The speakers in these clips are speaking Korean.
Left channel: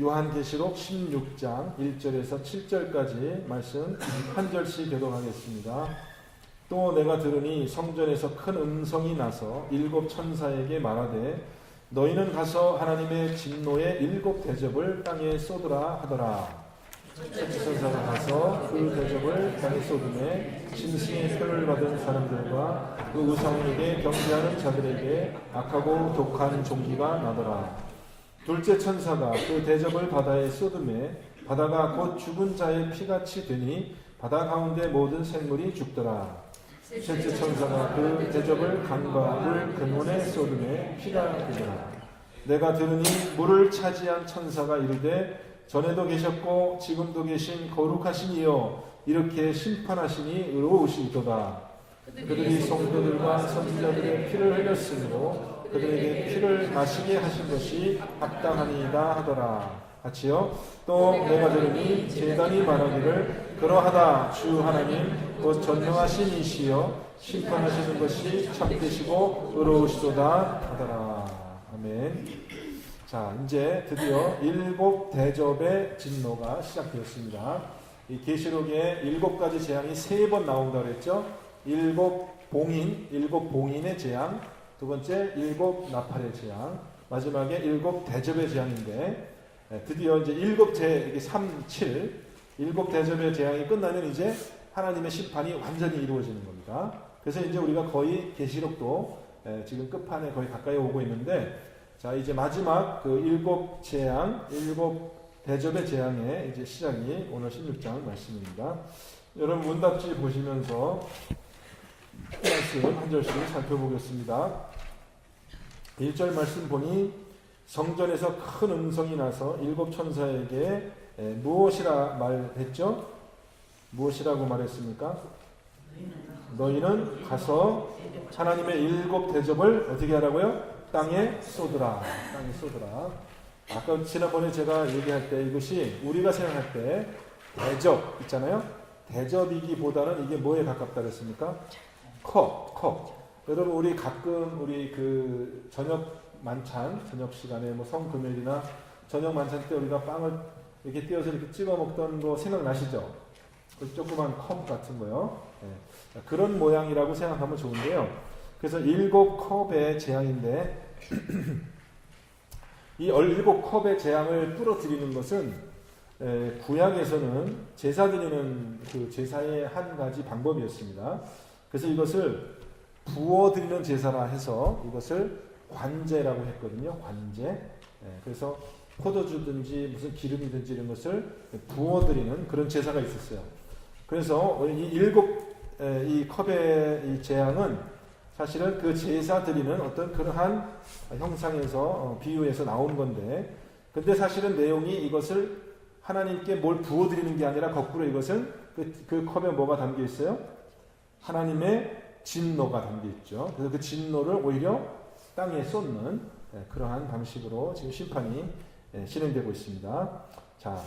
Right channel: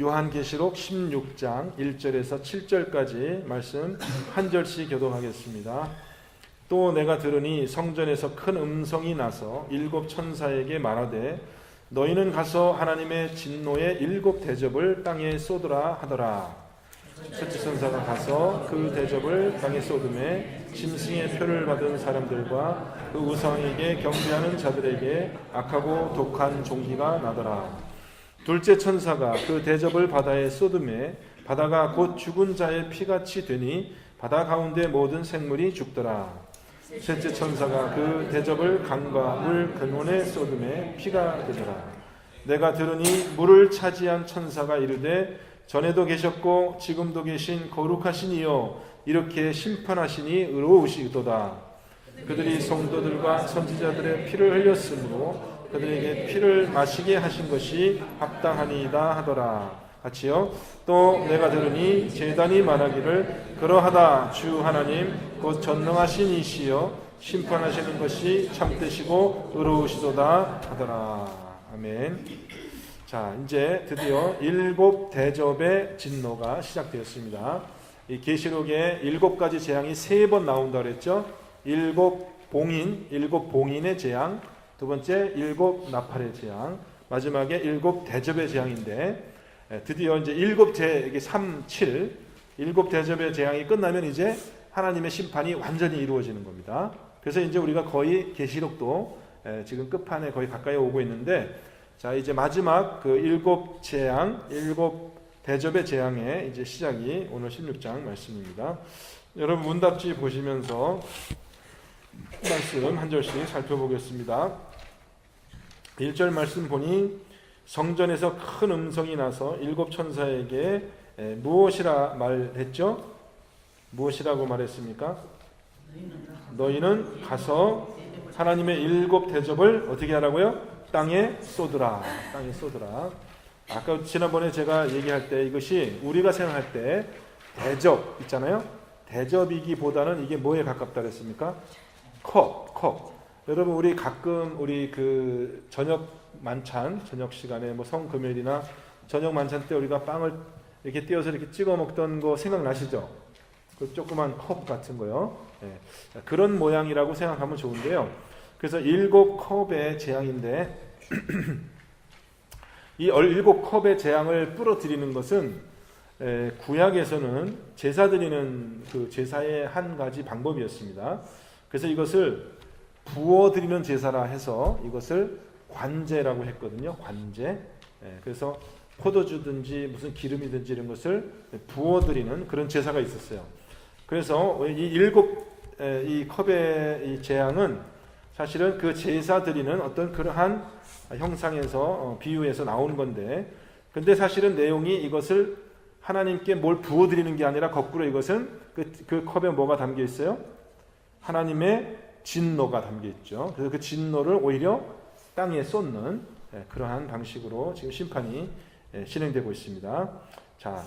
요한계시록 16장 1절에서 7절까지 말씀 한 절씩 교독하겠습니다. 또 내가 들으니 성전에서 큰 음성이 나서 일곱 천사에게 말하되 너희는 가서 하나님의 진노의 일곱 대접을 땅에 쏟으라 하더라. 첫째 천사가 가서 그 대접을 땅에 쏟음에 짐승의 표를 받은 사람들과 그 우상에게 경배하는 자들에게 악하고 독한 종기가 나더라. 둘째 천사가 그 대접을 바다에 쏟음에 바다가 곧 죽은 자의 피같이 되니 바다 가운데 모든 생물이 죽더라. 셋째 천사가 그 대접을 강과 물 근원에 쏟음에 피가 되더라. 내가 들으니 물을 차지한 천사가 이르되 전에도 계셨고 지금도 계신 거룩하신 이여 이렇게 심판하시니 의로우시도다. 그들이 성도들과 선지자들의 피를 흘렸으므로 그들에게 피를 마시게 하신 것이 합당하니이다 하더라. 같이요. 또 내가 들으니 제단이 말하기를 그러하다 주 하나님 곧 전능하신 이시여 심판하시는 것이 참되시고 의로우시도다 하더라. 아멘. 자, 이제 드디어 일곱 대접의 진노가 시작되었습니다. 이 계시록에 일곱 가지 재앙이 3번 나온다고 그랬죠. 일곱 봉인의 재앙, 두 번째 일곱 나팔의 재앙, 마지막에 일곱 대접의 재앙인데 드디어 이제 일곱 이게 3, 7 일곱 대접의 재앙이 끝나면 이제 하나님의 심판이 완전히 이루어지는 겁니다. 그래서 이제 우리가 거의 계시록도 지금 끝판에 거의 가까이 오고 있는데 자, 이제 마지막 그 일곱 재앙, 일곱 대접의 재앙의 이제 시작이 오늘 16장 말씀입니다. 여러분 문답지 보시면서 말씀 한 절씩 살펴보겠습니다. 1절 말씀 보니 성전에서 큰 음성이 나서 일곱 천사에게 무엇이라 말했죠? 무엇이라고 말했습니까? 너희는 가서 하나님의 일곱 대접을 어떻게 하라고요? 땅에 쏟으라. 땅에 쏟으라. 아까 지난번에 제가 얘기할 때 이것이 우리가 생각할 때 대접 있잖아요. 대접이기보다는 이게 뭐에 가깝다 그랬습니까? 컵. 여러분 우리 가끔 우리 그 저녁 만찬, 저녁 시간에 뭐 성금요일이나 저녁 만찬 때 우리가 빵을 이렇게 띄어서 이렇게 찍어 먹던 거 생각나시죠? 그 조그만 컵 같은 거요. 네. 그런 모양이라고 생각하면 좋은데요. 그래서 일곱 컵의 재앙인데 이 일곱 컵의 재앙을 뿌려드리는 것은 구약에서는 제사 드리는 그 제사의 한 가지 방법이었습니다. 그래서 이것을 부어드리는 제사라 해서 이것을 관제라고 했거든요. 관제. 그래서 포도주든지 무슨 기름이든지 이런 것을 부어드리는 그런 제사가 있었어요. 그래서 이 컵의 이 재앙은 사실은 그 제사 드리는 어떤 그러한 형상에서 비유해서 나오는 건데 근데 사실은 내용이 이것을 하나님께 뭘 부어드리는 게 아니라 거꾸로 이것은 그 컵에 뭐가 담겨 있어요? 하나님의 진노가 담겨 있죠. 그래서 그 진노를 오히려 땅에 쏟는 그러한 방식으로 지금 심판이 실행되고 있습니다. 자,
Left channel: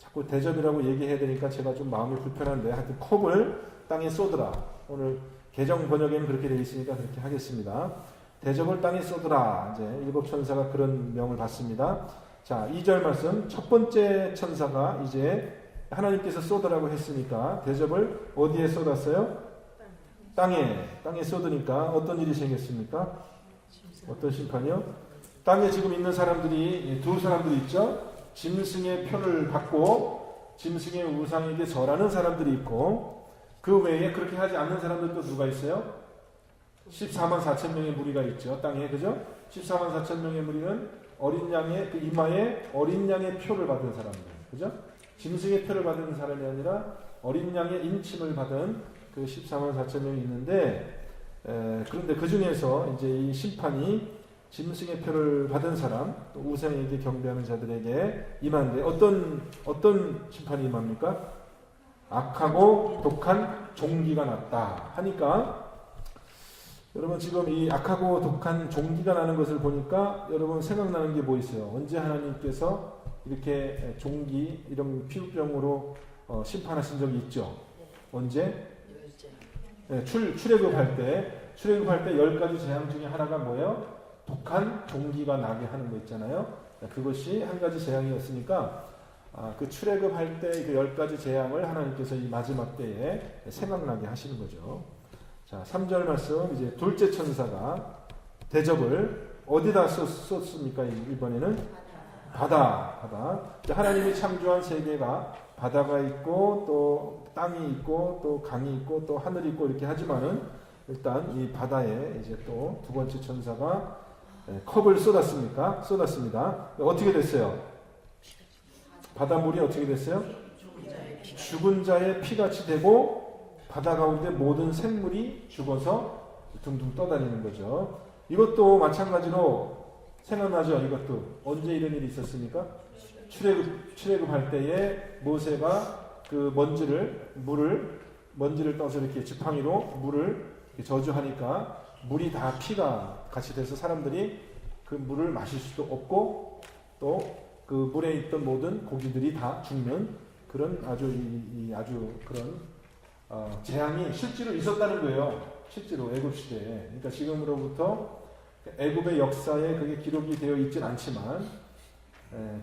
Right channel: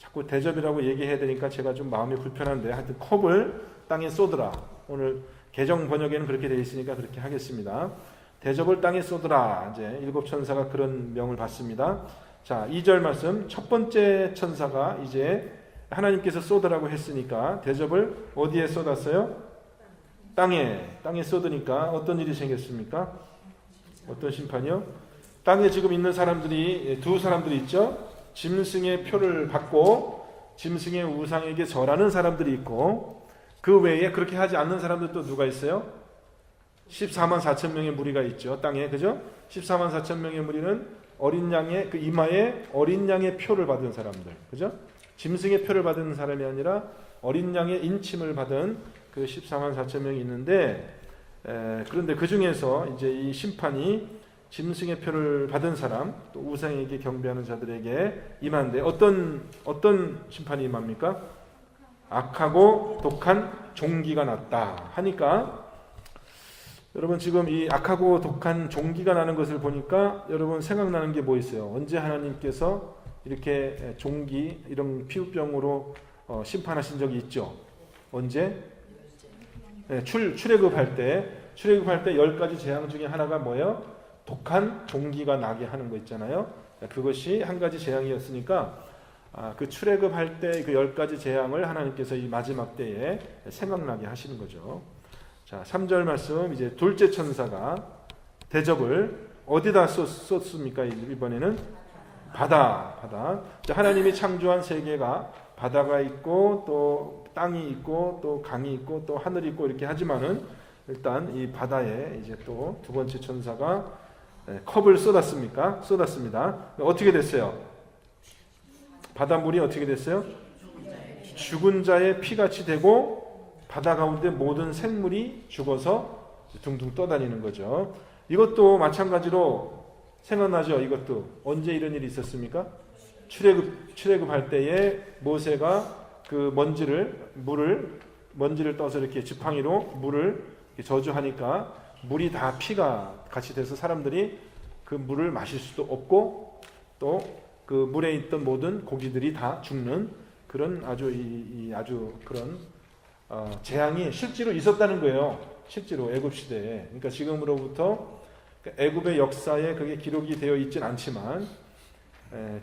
자꾸 대접이라고 얘기해야 되니까 제가 좀 마음이 불편한데 하여튼 컵을 땅에 쏟으라. 오늘 개정 번역에는 그렇게 되어 있으니까 그렇게 하겠습니다. 대접을 땅에 쏟으라. 이제 일곱 천사가 그런 명을 받습니다. 자, 2절 말씀. 첫 번째 천사가 이제 하나님께서 쏟으라고 했으니까 대접을 어디에 쏟았어요? 땅에 쏟으니까 어떤 일이 생겼습니까? 어떤 심판이요? 땅에 지금 있는 사람들이 두 사람들이 있죠. 짐승의 표를 받고 짐승의 우상에게 절하는 사람들이 있고 그 외에 그렇게 하지 않는 사람들도 누가 있어요? 14만 4천 명의 무리가 있죠. 땅에. 그죠? 14만 4천 명의 무리는 어린 양의 그 이마에 어린 양의 표를 받은 사람들. 그죠? 짐승의 표를 받은 사람이 아니라 어린 양의 인침을 받은 그 14만 4천 명이 있는데 그런데 그 중에서 이제 이 심판이 짐승의 표를 받은 사람, 또 우상에게 경배하는 자들에게 임하는데 어떤 심판이 임합니까? 악하고 독한 종기가 났다 하니까 여러분 지금 이 악하고 독한 종기가 나는 것을 보니까 여러분 생각나는 게 뭐 있어요? 언제 하나님께서 이렇게 종기 이런 피부병으로 심판하신 적이 있죠? 언제? 네, 출애굽할 때 10가지 재앙 중에 하나가 뭐예요? 독한 종기가 나게 하는 거 있잖아요. 그것이 한 가지 재앙이었으니까 그 출애굽할 때 그 10가지 재앙을 하나님께서 이 마지막 때에 생각나게 하시는 거죠. 자, 3절 말씀, 이제 둘째 천사가 대접을 어디다 쏟습니까? 이번에는 바다. 자, 하나님이 창조한 세계가 바다가 있고 또 땅이 있고 또 강이 있고 또 하늘이 있고 이렇게 하지만은 일단 이 바다에 이제 또 두 번째 천사가 컵을 쏟았습니다. 어떻게 됐어요? 바닷물이 어떻게 됐어요? 죽은 자의 피같이 되고 바다 가운데 모든 생물이 죽어서 둥둥 떠다니는 거죠. 이것도 마찬가지로 생각나죠? 이것도 언제 이런 일이 있었습니까? 출애굽할 때에 모세가 그 먼지를 떠서 이렇게 지팡이로 물을 이렇게 저주하니까 물이 다 피가 같이 돼서 사람들이 그 물을 마실 수도 없고 또 그 물에 있던 모든 고기들이 다 죽는 그런 아주 그런 재앙이 실제로 있었다는 거예요. 실제로 애굽 시대에. 그러니까 지금으로부터 애굽의 역사에 그게 기록이 되어 있진 않지만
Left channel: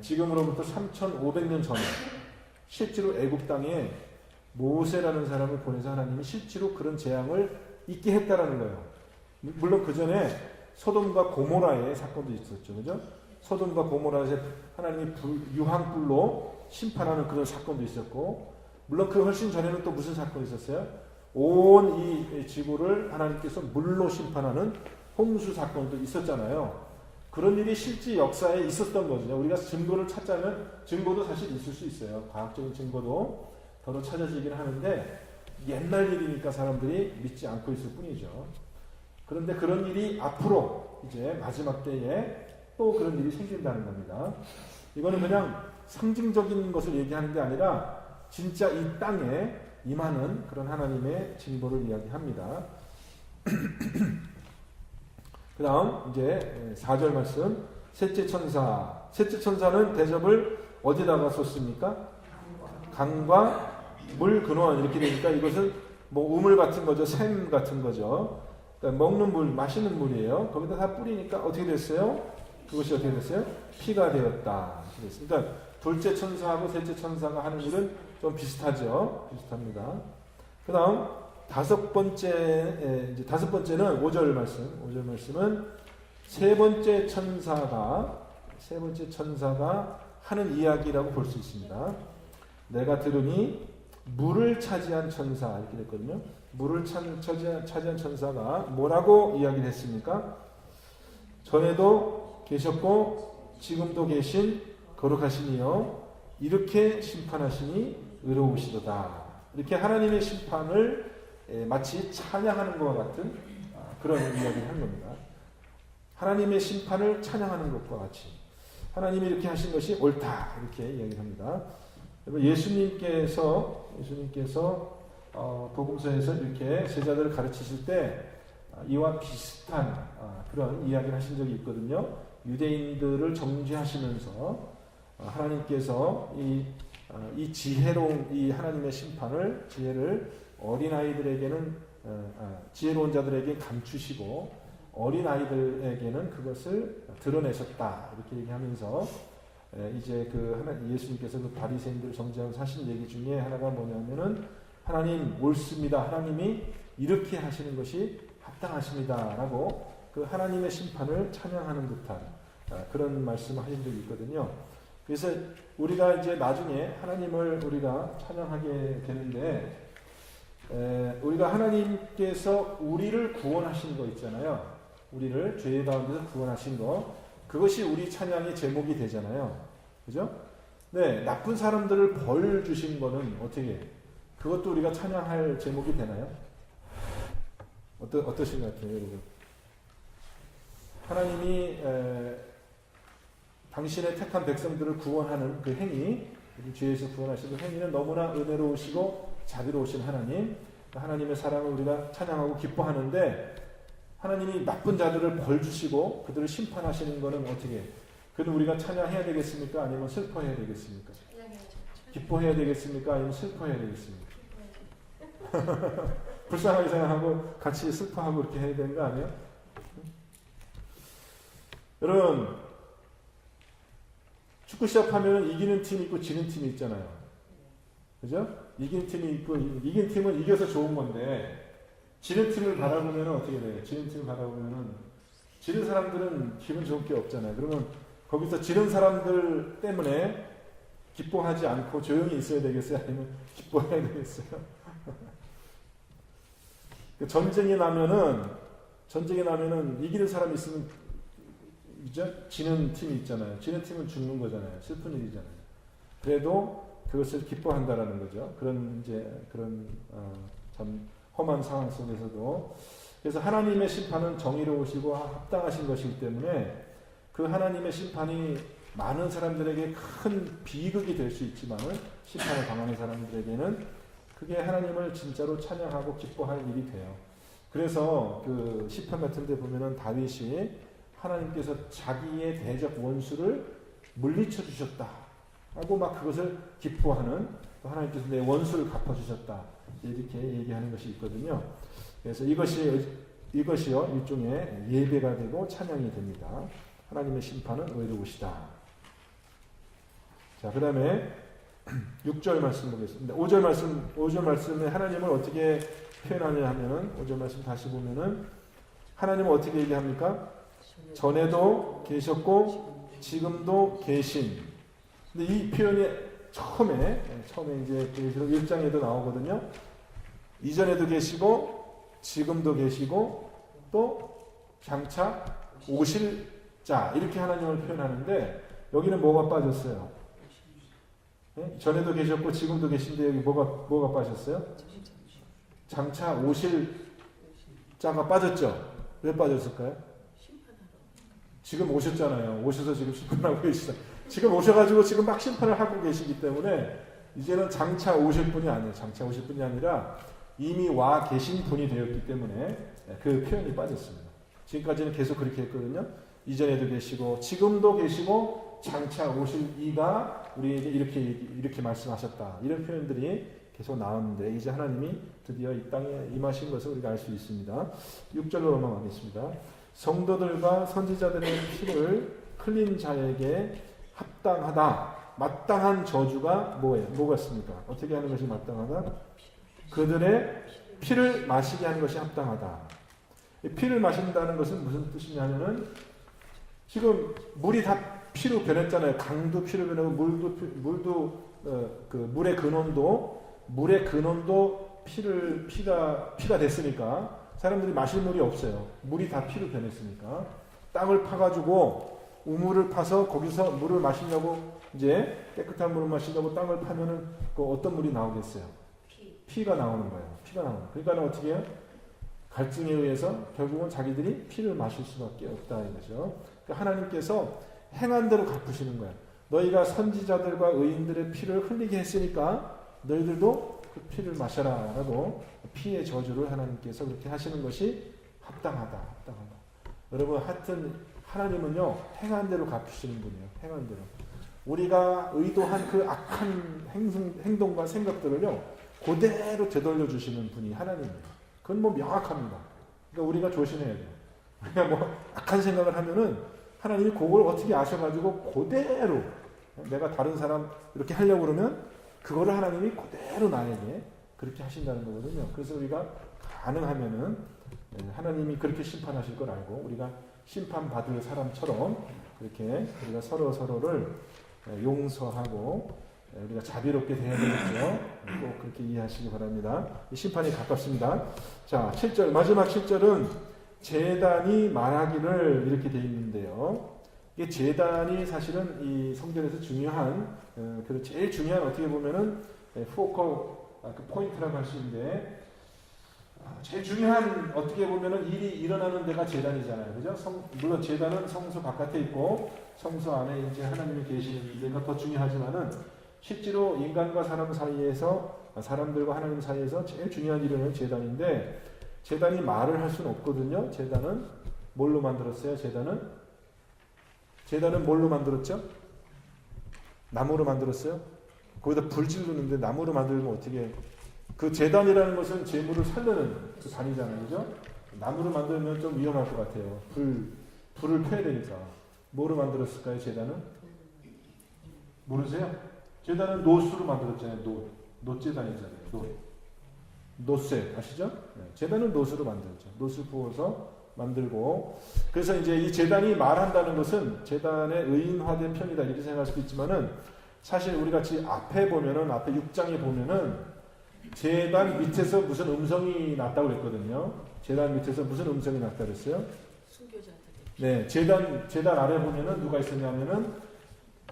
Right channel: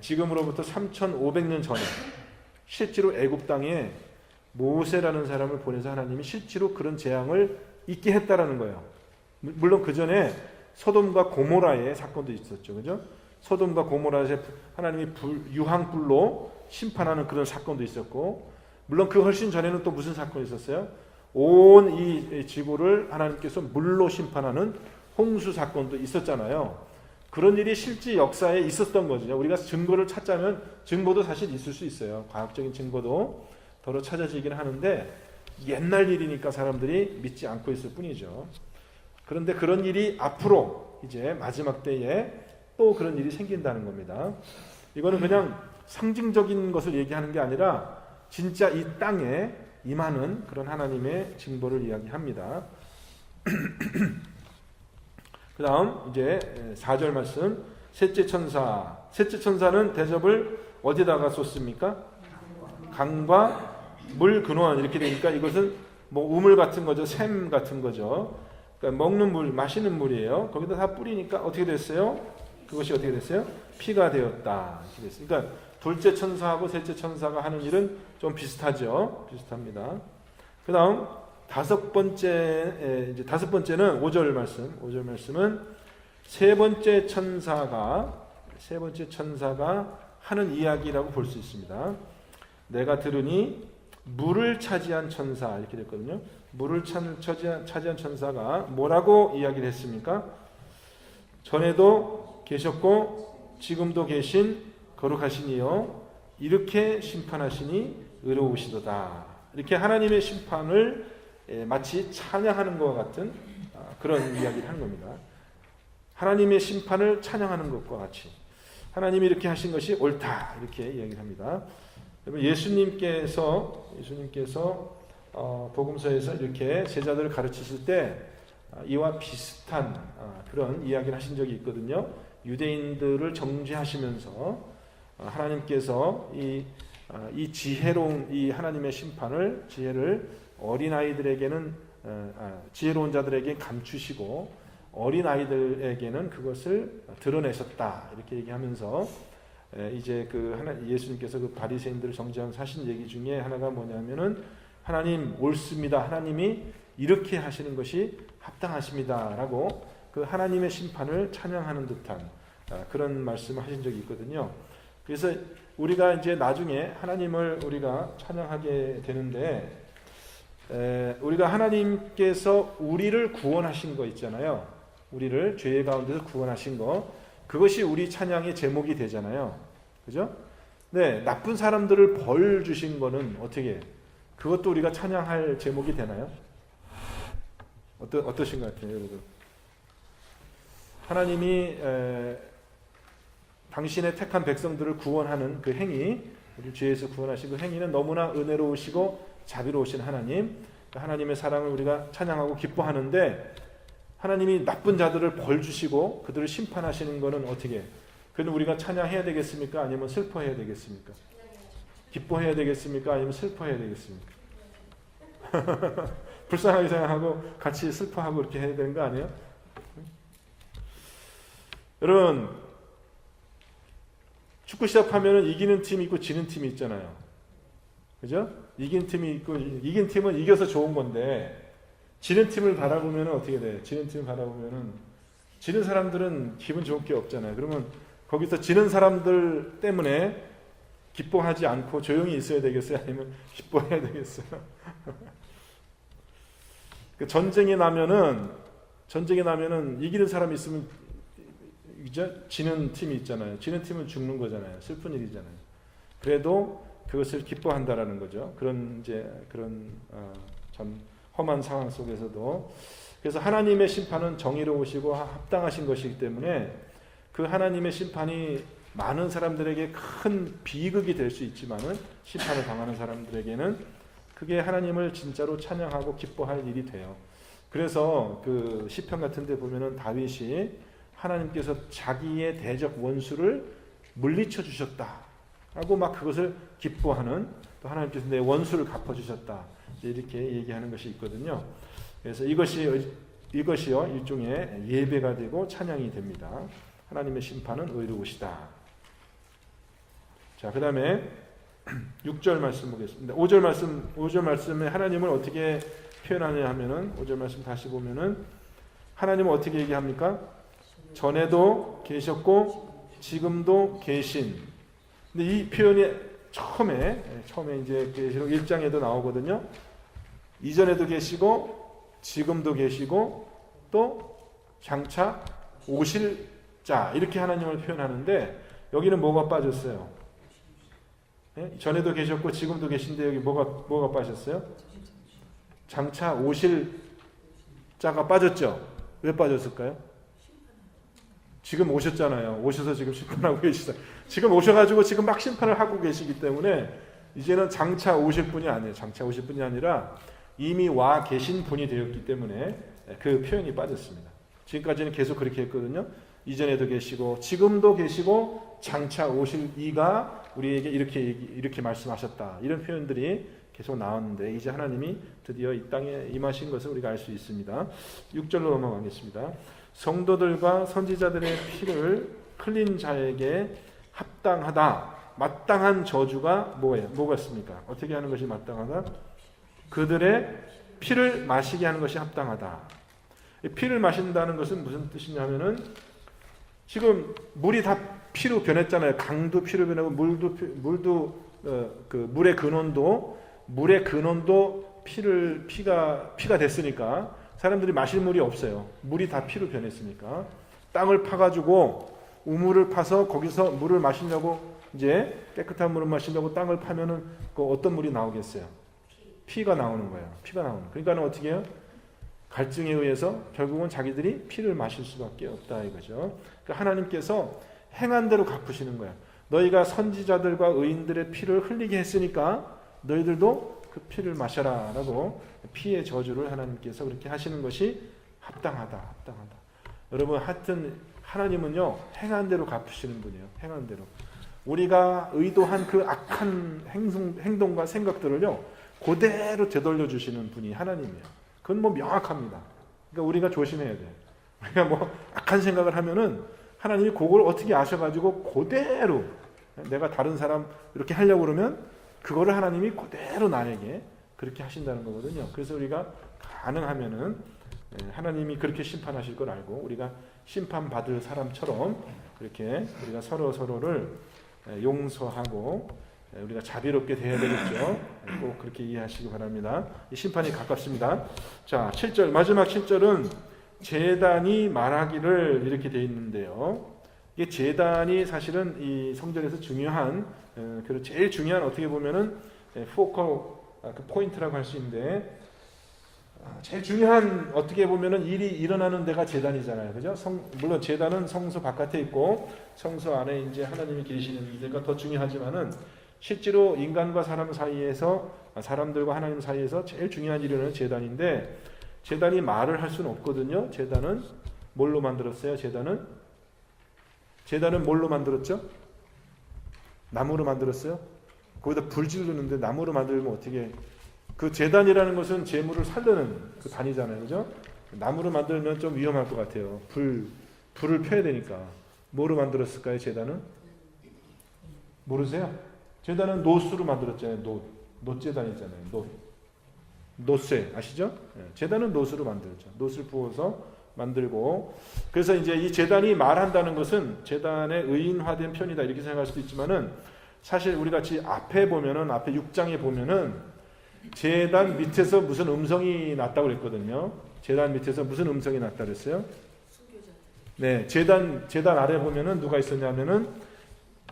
지금으로부터 3,500년 전에 실제로 애굽 땅에 모세라는 사람을 보내서 하나님이 실제로 그런 재앙을 있게 했다라는 거예요. 물론 그 전에 소돔과 고모라의 사건도 있었죠, 그죠? 소돔과 고모라에서 하나님이 유황불로 심판하는 그런 사건도 있었고, 물론 그 훨씬 전에는 또 무슨 사건이 있었어요? 온 이 지구를 하나님께서 물로 심판하는 홍수 사건도 있었잖아요. 그런 일이 실제 역사에 있었던 거죠. 우리가 증거를 찾자면 증거도 사실 있을 수 있어요. 과학적인 증거도 더러 찾아지긴 하는데 옛날 일이니까 사람들이 믿지 않고 있을 뿐이죠. 그런데 그런 일이 앞으로 이제 마지막 때에 또 그런 일이 생긴다는 겁니다. 이거는 그냥 상징적인 것을 얘기하는 게 아니라 진짜 이 땅에 임하는 그런 하나님의 징벌을 이야기합니다. 그 다음 이제 4절 말씀, 셋째 천사는 대접을 어디다가 쏟습니까? 강과 물 근원 이렇게 되니까 이것은 뭐 우물 같은 거죠. 샘 같은 거죠. 그러니까 먹는 물, 마시는 물이에요. 거기다 다 뿌리니까 어떻게 됐어요? 그것이 어떻게 됐어요? 피가 되었다. 그러니까 둘째 천사하고 셋째 천사가 하는 일은 좀 비슷합니다. 그 다음 다섯 번째는 5절 말씀은 세 번째 천사가 하는 이야기라고 볼 수 있습니다. 내가 들으니 물을 차지한 천사 이렇게 됐거든요. 물을 차지한 천사가 뭐라고 이야기를 했습니까? 전에도 계셨고 지금도 계신 거룩하신 이여 이렇게 심판하시니 의로우시도다. 이렇게 하나님의 심판을 마치 찬양하는 것 같은 그런 이야기를 한 겁니다. 하나님의 심판을 찬양하는 것과 같이 하나님이 이렇게 하신 것이 옳다 이렇게 이야기를 합니다. 예수님께서 복음서에서 이렇게 제자들을 가르치실 때 이와 비슷한 그런 이야기를 하신 적이 있거든요. 유대인들을 정죄하시면서 하나님께서 이 지혜로운 이 하나님의 지혜를 어린아이들에게는 지혜로운 자들에게 감추시고 어린아이들에게는 그것을 드러내셨다 이렇게 얘기하면서 이제 예수님께서 그 바리새인들을 정죄하면서 하신 얘기 중에 하나가 뭐냐면은 하나님 옳습니다. 하나님이 이렇게 하시는 것이 합당하십니다라고 그 하나님의 심판을 찬양하는 듯한 그런 말씀을 하신 적이 있거든요. 그래서 우리가 이제 나중에 하나님을 우리가 찬양하게 되는데 우리가 하나님께서 우리를 구원하신 거 있잖아요. 우리를 죄 가운데서 구원하신 거 그것이 우리 찬양의 제목이 되잖아요. 그죠? 네, 나쁜 사람들을 벌 주신 거는 어떻게 그것도 우리가 찬양할 제목이 되나요? 어떠신 것 같아요? 하나님이 당신의 택한 백성들을 구원하는 그 행위, 죄에서 구원하신 그 행위는 너무나 은혜로우시고 자비로우신 하나님의 사랑을 우리가 찬양하고 기뻐하는데 하나님이 나쁜 자들을 벌 주시고 그들을 심판하시는 것은 어떻게? 그는 우리가 찬양해야 되겠습니까? 아니면 슬퍼해야 되겠습니까? 기뻐해야 되겠습니까? 아니면 슬퍼해야 되겠습니까? 불쌍하게 생각하고 같이 슬퍼하고 이렇게 해야 되는 거 아니에요? 여러분, 축구 시합하면 이기는 팀이 있고 지는 팀이 있잖아요. 그죠? 이긴 팀이 있고, 이긴 팀은 이겨서 좋은 건데, 지는 팀을 바라보면 어떻게 돼요? 지는 팀을 바라보면은, 지는 사람들은 기분 좋을 게 없잖아요. 그러면 거기서 지는 사람들 때문에 기뻐하지 않고 조용히 있어야 되겠어요? 아니면 기뻐해야 되겠어요? 그 전쟁이 나면은 이기는 사람이 있으면, 그죠? 지는 팀이 있잖아요. 지는 팀은 죽는 거잖아요. 슬픈 일이잖아요. 그래도 그것을 기뻐한다라는 거죠. 그런 참 험한 상황 속에서도. 그래서 하나님의 심판은 정의로우시고 합당하신 것이기 때문에 그 하나님의 심판이 많은 사람들에게 큰 비극이 될 수 있지만은, 심판을 당하는 사람들에게는 그게 하나님을 진짜로 찬양하고 기뻐할 일이 돼요. 그래서 그 시편 같은 데 보면은 다윗이 하나님께서 자기의 대적 원수를 물리쳐 주셨다 하고 막 그것을 기뻐하는, 또 하나님께서 내 원수를 갚아주셨다 이렇게 얘기하는 것이 있거든요. 그래서 이것이요 일종의 예배가 되고 찬양이 됩니다. 하나님의 심판은 의로우시다. 자, 그 다음에 6절 말씀 보겠습니다. 5절 말씀에 하나님을 어떻게 표현하냐 하면은, 5절 말씀 다시 보면은 하나님은 어떻게 얘기합니까? 전에도 계셨고 지금도 계신. 근데 이 표현이 처음에 이제 계시록 1장에도 나오거든요. 이전에도 계시고 지금도 계시고 또 장차 오실 자, 이렇게 하나님을 표현하는데, 여기는 뭐가 빠졌어요? 네? 전에도 계셨고 지금도 계신데 여기 뭐가 빠졌어요? 장차 오실 자가 빠졌죠. 왜 빠졌을까요? 지금 오셨잖아요. 오셔서 지금 심판하고 계시다. 지금 오셔가지고 지금 막 심판을 하고 계시기 때문에 이제는 장차 오실 분이 아니에요. 장차 오실 분이 아니라 이미 와 계신 분이 되었기 때문에 그 표현이 빠졌습니다. 지금까지는 계속 그렇게 했거든요. 이전에도 계시고 지금도 계시고 장차 오실 이가 우리에게 이렇게 말씀하셨다. 이런 표현들이 계속 나왔는데, 이제 하나님이 드디어 이 땅에 임하신 것을 우리가 알 수 있습니다. 6절로 넘어가겠습니다. 성도들과 선지자들의 피를 흘린 자에게 합당하다. 마땅한 저주가 뭐가 있습니까? 어떻게 하는 것이 마땅하다? 그들의 피를 마시게 하는 것이 합당하다. 피를 마신다는 것은 무슨 뜻이냐면은, 지금 물이 다 피로 변했잖아요. 강도 피로 변하고 물도 그 물의 근원도 피가 됐으니까 사람들이 마실 물이 없어요. 물이 다 피로 변했으니까 땅을 파가지고 우물을 파서 거기서 물을 마시려고, 이제 깨끗한 물을 마시려고 땅을 파면은 그 어떤 물이 나오겠어요? 피가 나오는 거예요. 피가 나오는. 그러니까 어떻게 해요? 갈증에 의해서 결국은 자기들이 피를 마실 수밖에 없다 이거죠. 그러니까 하나님께서 행한 대로 갚으시는 거야. 너희가 선지자들과 의인들의 피를 흘리게 했으니까 너희들도 그 피를 마셔라 라고 피의 저주를 하나님께서 그렇게 하시는 것이 합당하다. 여러분, 하여튼 하나님은요 행한 대로 갚으시는 분이에요. 행한 대로. 우리가 의도한 그 악한 행동과 생각들을요 그대로 되돌려 주시는 분이 하나님이에요. 그건 뭐 명확합니다. 그러니까 우리가 조심해야 돼요. 그러니까 뭐 악한 생각을 하면은 하나님이 그걸 어떻게 아셔가지고 그대로, 내가 다른 사람 이렇게 하려고 그러면 그거를 하나님이 그대로 나에게 그렇게 하신다는 거거든요. 그래서 우리가 가능하면은 하나님이 그렇게 심판하실 걸 알고 우리가 심판받을 사람처럼 그렇게 우리가 서로를 용서하고 우리가 자비롭게 대해야 되겠죠. 꼭 그렇게 이해하시기 바랍니다. 이 심판이 가깝습니다. 자, 7절, 마지막 7절은 제단이 말하기를 이렇게 되어 있는데요. 이게 제단이 사실은 이 성전에서 중요한, 그 제일 중요한, 어떻게 보면은 포커 포인트라고 할 수 있는데, 제일 중요한 어떻게 보면은 일이 일어나는 데가 제단이잖아요, 그죠? 물론 제단은 성소 바깥에 있고 성소 안에 이제 하나님이 계시는 데가 더 중요하지만은 실제로 인간과 사람 사이에서, 사람들과 하나님 사이에서 제일 중요한 일은 제단인데, 제단이 말을 할 수는 없거든요. 제단은 뭘로 만들었어요? 제단은 뭘로 만들었죠? 나무로 만들었어요? 거기다 불 지르는데 나무로 만들면 어떻게, 그 제단이라는 것은 재물을 살려는 그 단위잖아요, 그죠? 나무로 만들면 좀 위험할 것 같아요. 불을 펴야 되니까. 뭐로 만들었을까요, 제단은? 모르세요? 제단은 노수로 만들었잖아요. 노제단이잖아요. 노쇠 아시죠? 제단은 노수로 만들었죠. 노수를 부어서 만들고, 그래서 이제 이 제단이 말한다는 것은 제단의 의인화된 편이다 이렇게 생각할 수도 있지만은, 사실 우리 같이 앞에 보면은, 앞에 6장에 보면은 제단 밑에서 무슨 음성이 났다고 그랬거든요. 제단 밑에서 무슨 음성이 났다 그랬어요? 순교자들. 네, 제단 아래 보면은 누가 있었냐면은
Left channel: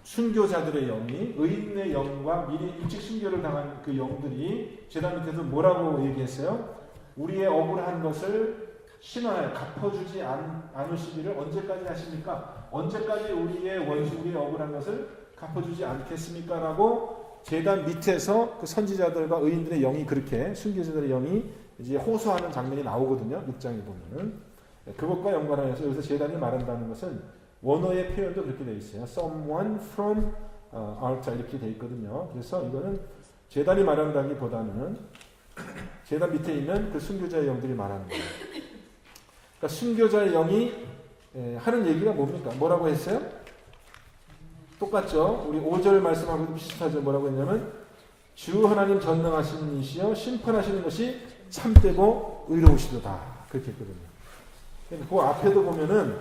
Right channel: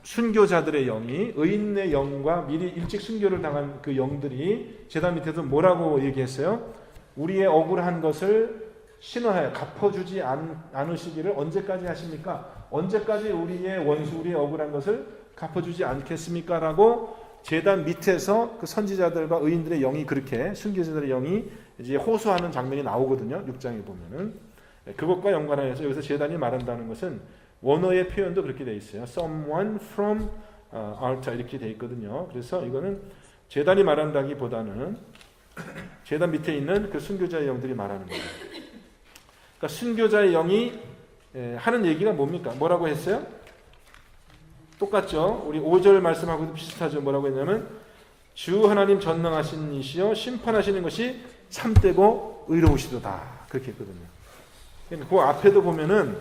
순교자들의 영이, 의인의 영과 미리 일찍 순교를 당한 그 영들이 제단 밑에서 뭐라고 얘기했어요? 우리의 억울한 것을 신원하여 갚아주지 않으시기를 언제까지 하십니까? 언제까지 우리의 원수, 우리의 억울한 것을 갚아주지 않겠습니까? 라고 제단 밑에서 그 선지자들과 의인들의 영이, 그렇게 순교자들의 영이 이제 호소하는 장면이 나오거든요. 6장에 보면은. 그것과 연관하여서 여기서 제단이 말한다는 것은 원어의 표현도 그렇게 되어 있어요. Someone from altar 이렇게 되어 있거든요. 그래서 이거는 제단이 말한다기보다는 제단 밑에 있는 그 순교자의 영들이 말하는 거예요. 그러니까 순교자의 영이 하는 얘기가 뭡니까? 뭐라고 했어요? 똑같죠? 우리 5절 말씀하고도 비슷하죠? 뭐라고 했냐면 주 하나님 전능하신 이시여 심판하시는 것이 참되고 의로우시도다. 그렇게 했거든요. 그 앞에도 보면은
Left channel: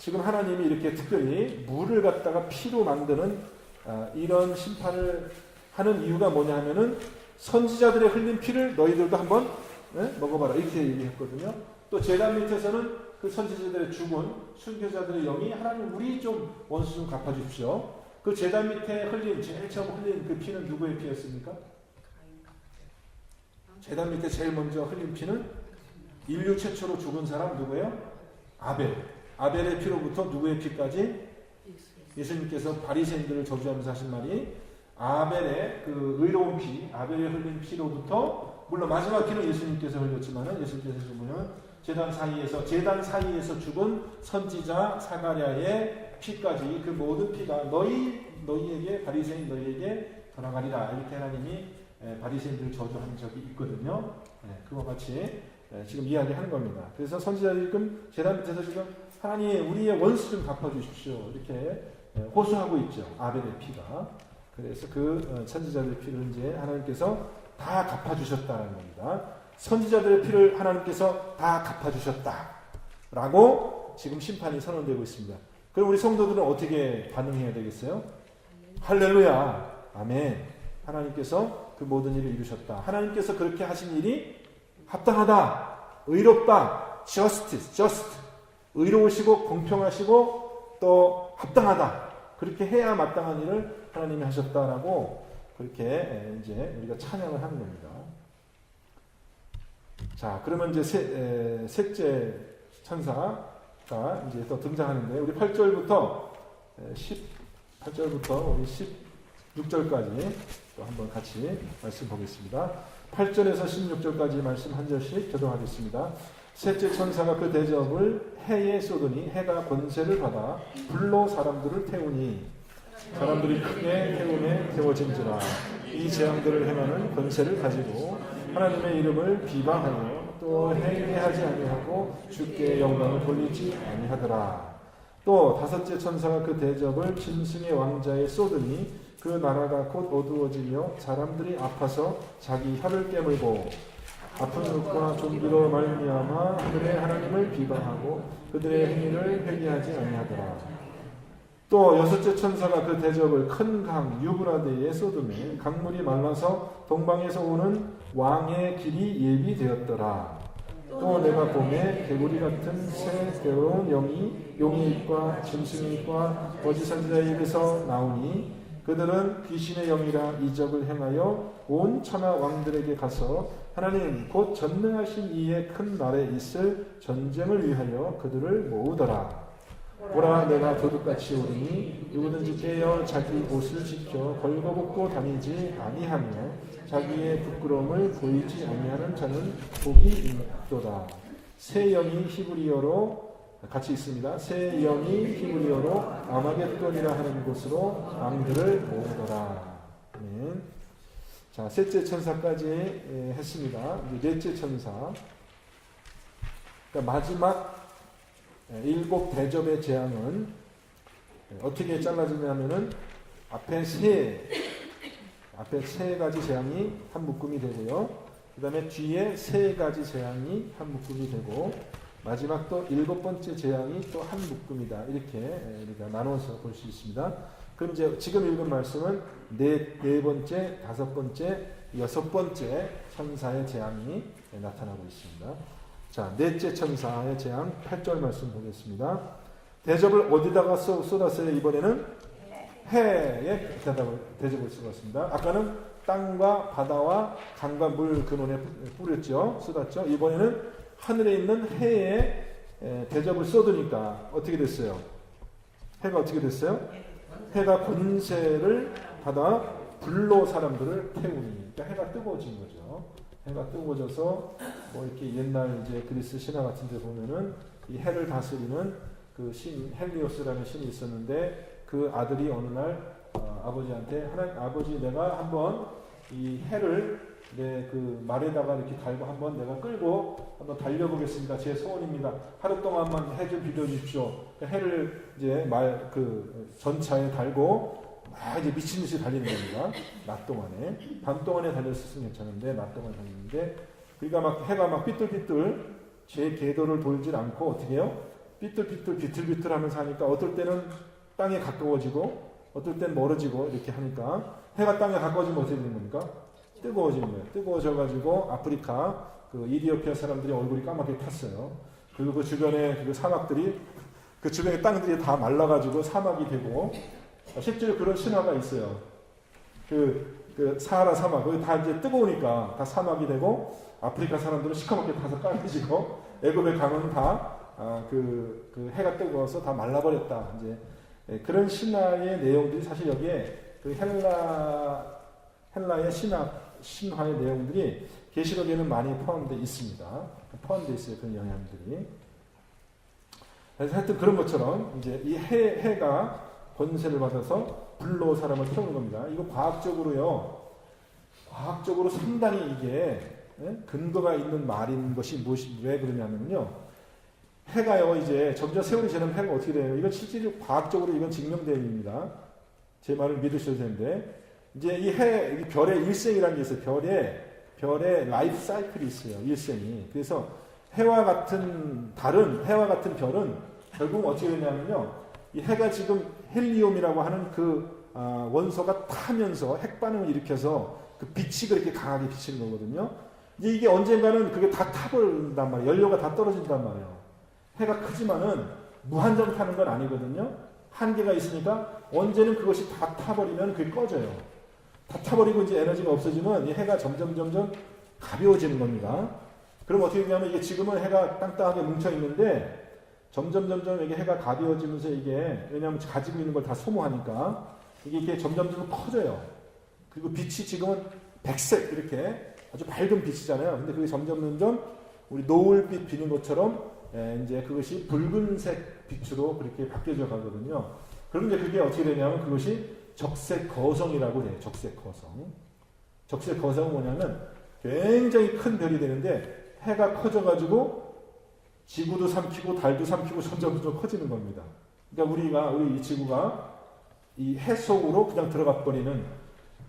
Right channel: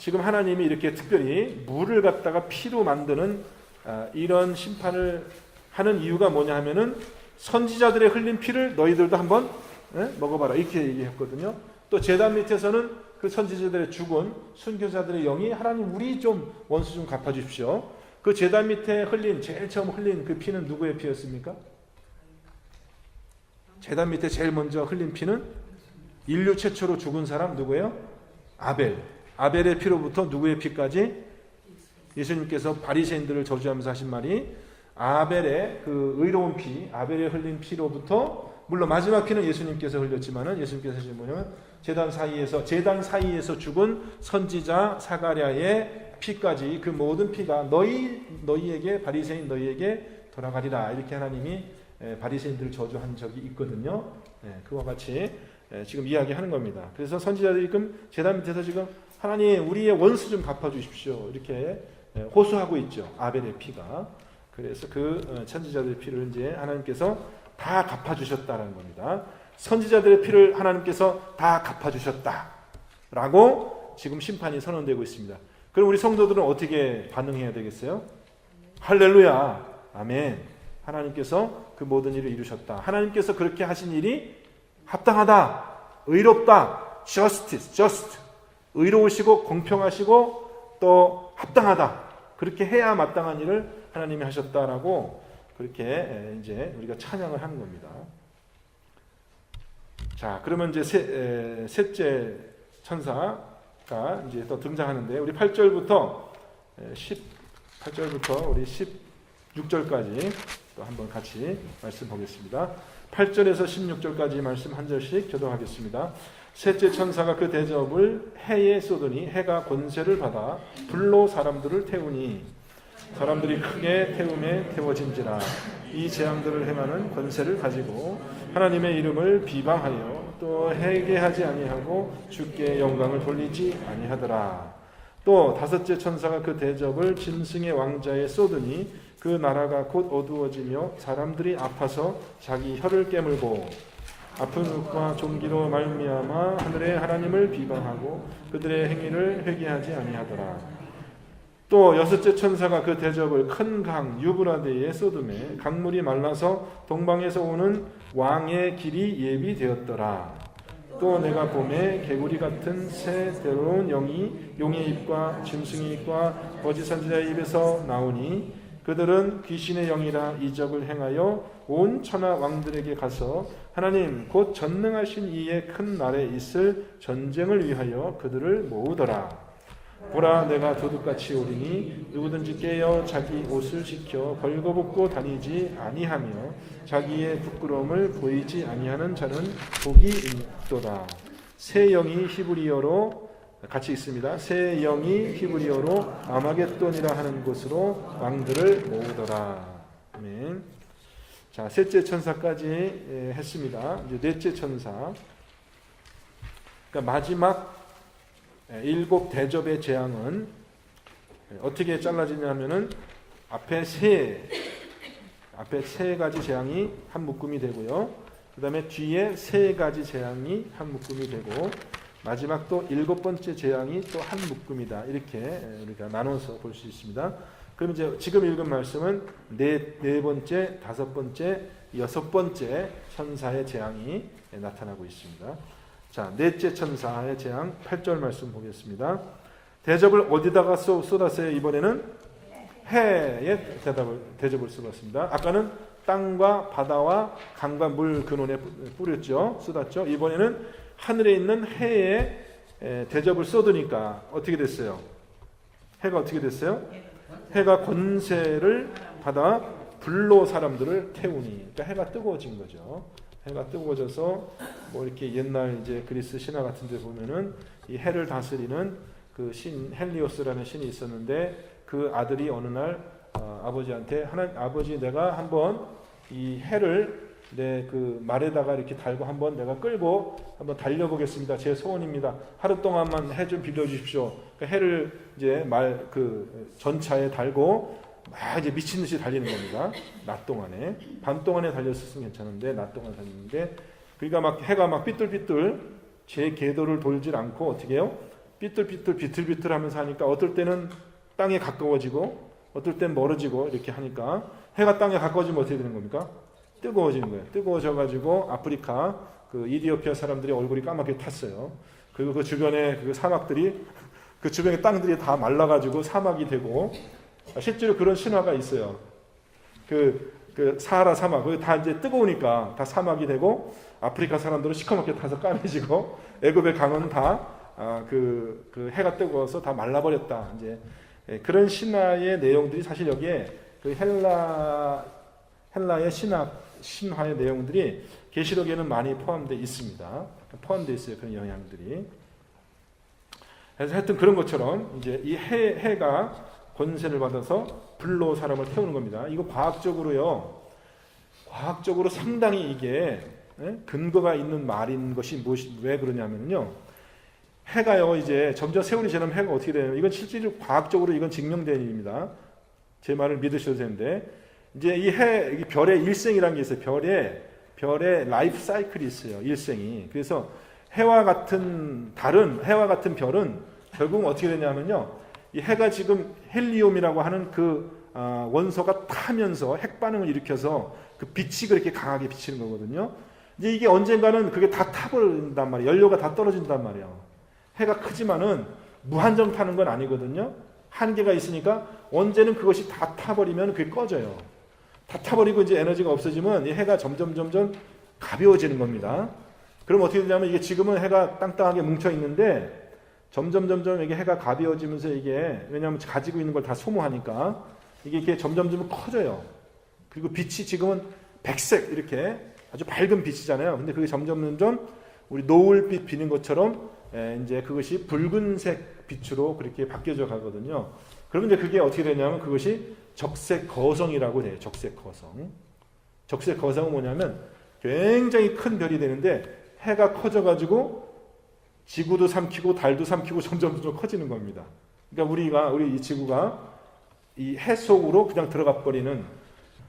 지금 하나님이 이렇게 특별히 물을 갖다가 피로 만드는 이런 심판을 하는 이유가 뭐냐 하면은 선지자들의 흘린 피를 너희들도 한번 먹어봐라 이렇게 얘기했거든요. 또 제단 밑에서는 그 선지자들의 죽은 순교자들의 영이 하나님 우리 좀 원수 좀 갚아주십시오. 그 제단 밑에 흘린, 제일 처음 흘린 그 피는 누구의 피였습니까? 제단 밑에 제일 먼저 흘린 피는 인류 최초로 죽은 사람 누구예요? 아벨. 아벨의 피로부터 누구의 피까지? 예수님께서 바리새인들을 저주하면서 하신 말이 아벨의 그 의로운 피, 아벨의 흘린 피로부터, 물론 마지막 피는 예수님께서 흘렸지만은 예수님께서 보면 제단 사이에서 죽은 선지자 사가랴의 피까지, 그 모든 피가 너희에게, 바리새인 너희에게 돌아가리라 이렇게 하나님이 바리새인들을 저주한 적이 있거든요. 그와 같이 지금 이야기하는 겁니다. 그래서 선지자들이 지금 제단 밑에서 지금 하나님 우리의 원수 좀 갚아주십시오 이렇게 호소하고 있죠. 아벨의 피가. 그래서 그 선지자들의 피를 이제 하나님께서 다 갚아주셨다는 겁니다. 선지자들의 피를 하나님께서 다 갚아주셨다라고 지금 심판이 선언되고 있습니다. 그럼 우리 성도들은 어떻게 반응해야 되겠어요? 할렐루야, 아멘. 하나님께서 그 모든 일을 이루셨다. 하나님께서 그렇게 하신 일이 합당하다, 의롭다, just, 의로우시고 공평하시고 또 합당하다. 그렇게 해야 마땅한 일을 하나님이 하셨다라고 그렇게 이제 우리가 찬양을 하는 겁니다. 자, 그러면 이제 셋째 천사가 이제 또 등장하는데, 우리 8절부터 우리 16절까지 또 한번 같이 말씀 보겠습니다. 8절에서 16절까지 말씀 한 절씩 교독하겠습니다. 셋째 천사가 그 대접을 해에 쏟으니 해가 권세를 받아 불로 사람들을 태우니 사람들이 크게 태움에 태워진지라. 이 재앙들을 행하는 권세를 가지고 하나님의 이름을 비방하여 또 회개하지 아니하고 주께 영광을 돌리지 아니하더라. 또 다섯째 천사가 그 대접을 짐승의 왕자에 쏟으니 그 나라가 곧 어두워지며 사람들이 아파서 자기 혀를 깨물고 아픈 눈과 종기로 말미암아 하늘의 하나님을 비방하고 그들의 행위를 회개하지 아니하더라. 또 여섯째 천사가 그 대접을 큰 강 유브라데에 쏟음에 강물이 말라서 동방에서 오는 왕의 길이 예비되었더라. 또 내가 봄에 개구리 같은 새 괴로운 영이 용의 입과 짐승의 입과 거짓 선지자의 입에서 나오니 그들은 귀신의 영이라 이적을 행하여 온 천하 왕들에게 가서 하나님 곧 전능하신 이의 큰 날에 있을 전쟁을 위하여 그들을 모으더라. 보라, 내가 도둑같이 오리니 누구든지 깨어 자기 옷을 지켜 걸거벗고 다니지 아니하며 자기의 부끄러움을 보이지 아니하는 자는 복이 있도다. 새 영이 히브리어로 같이 있습니다. 새 영이 히브리어로 아마겟돈이라 하는 곳으로 왕들을 모으더라. 아멘. 자, 셋째 천사까지 했습니다. 이제 넷째 천사. 그러니까 마지막 7 대접의 재앙은 어떻게 잘라지냐면은 앞에 세 가지 재앙이 한 묶음이 되고요. 그 다음에 뒤에 세 가지 재앙이 한 묶음이 되고, 마지막 또 7번째 재앙이 또 한 묶음이다. 이렇게 우리가 나눠서 볼 수 있습니다. 그럼 이제 지금 읽은 말씀은 네 번째, 5번째, 6번째 천사의 재앙이 나타나고 있습니다. 자, 넷째 천사의 재앙 8절 말씀 보겠습니다. 대접을 어디다가 쏟았어요? 이번에는 해에 대접을 쏟았습니다. 아까는 땅과 바다와 강과 물 근원에 뿌렸죠. 쏟았죠. 이번에는 하늘에 있는 해에 대접을 쏟으니까 어떻게 됐어요? 해가 어떻게 됐어요? 해가 권세를 받아 불로 사람들을 태우니, 그러니까 해가 뜨거워진 거죠. 해가 뜨거워져서 뭐 이렇게 옛날 이제 그리스 신화 같은 데 보면은 이 해를 다스리는 그 신 헬리오스라는 신이 있었는데, 그 아들이 어느 날 아버지한테 아버지, 내가 한번 이 해를 내 그 말에다가 이렇게 달고 한번 내가 끌고 한번 달려보겠습니다. 제 소원입니다. 하루 동안만 해 좀 빌려주십시오. 그 해를 이제 그 전차에 달고 막 이제 미친 듯이 달리는 겁니다. 낮 동안에. 밤 동안에 달렸으면 괜찮은데 낮 동안 달리는데, 그러니까 막 해가 막 삐뚤삐뚤 제 궤도를 돌질 않고 어떻게 해요? 삐뚤삐뚤 비틀비틀 하면서 하니까 어떨 때는 땅에 가까워지고 어떨 땐 멀어지고 이렇게 하니까, 해가 땅에 가까워지면 어떻게 되는 겁니까? 뜨거워지는 거예요. 뜨거워져가지고 아프리카 그 이디오피아 사람들이 얼굴이 까맣게 탔어요. 그리고 그 주변에 그 사막들이, 그 주변의 땅들이 다 말라가지고 사막이 되고, 실제로 그런 신화가 있어요. 그 사하라 사막, 거기 다 이제 뜨거우니까 다 사막이 되고, 아프리카 사람들은 시커멓게 타서 까매지고, 애굽의 강은 다 그 해가 뜨거워서 다 말라버렸다. 이제 그런 신화의 내용들이 사실 여기에 그 헬라의 신화의 내용들이 계시록에는 많이 포함되어 있습니다. 포함되어 있어요. 그런 영향들이. 그래서 하여튼 그런 것처럼 이제 이 해가 권세를 받아서 불로 사람을 태우는 겁니다. 이거 과학적으로 상당히 이게 근거가 있는 말인 것이 왜 그러냐면요. 해가요, 이제 점점 세월이 지나면 해가 어떻게 되냐면, 이건 실질적으로 과학적으로 이건 증명된 일입니다. 제 말을 믿으셔도 되는데, 이제 이 별의 일생이라는 게 있어요. 별의 라이프 사이클이 있어요. 일생이. 그래서 해와 같은 별은 결국은 어떻게 되냐면요. 이 해가 지금 헬리움이라고 하는 그 원소가 타면서 핵반응을 일으켜서 그 빛이 그렇게 강하게 비치는 거거든요. 이제 이게 언젠가는 그게 다 타버린단 말이에요. 연료가 다 떨어진단 말이에요. 해가 크지만은 무한정 타는 건 아니거든요. 한계가 있으니까 언제는 그것이 다 타버리면 그게 꺼져요. 다 타버리고 이제 에너지가 없어지면 이 해가 점점 가벼워지는 겁니다. 그럼 어떻게 되냐면, 이게 지금은 해가 땅땅하게 뭉쳐 있는데 점점 이게 해가 가벼워지면서, 이게 왜냐하면 가지고 있는 걸 다 소모하니까 이게 점점 커져요. 그리고 빛이 지금은 백색 이렇게 아주 밝은 빛이잖아요. 근데 그게 점점 우리 노을빛 비는 것처럼 이제 그것이 붉은색 빛으로 그렇게 바뀌어져 가거든요. 그런데 그게 어떻게 되냐면, 그것이 적색거성이라고 해요. 적색거성은 뭐냐면 굉장히 큰 별이 되는데, 해가 커져가지고 지구도 삼키고 달도 삼키고 점점 커지는 겁니다. 그러니까 우리 이 지구가 이 해 속으로 그냥 들어가 버리는,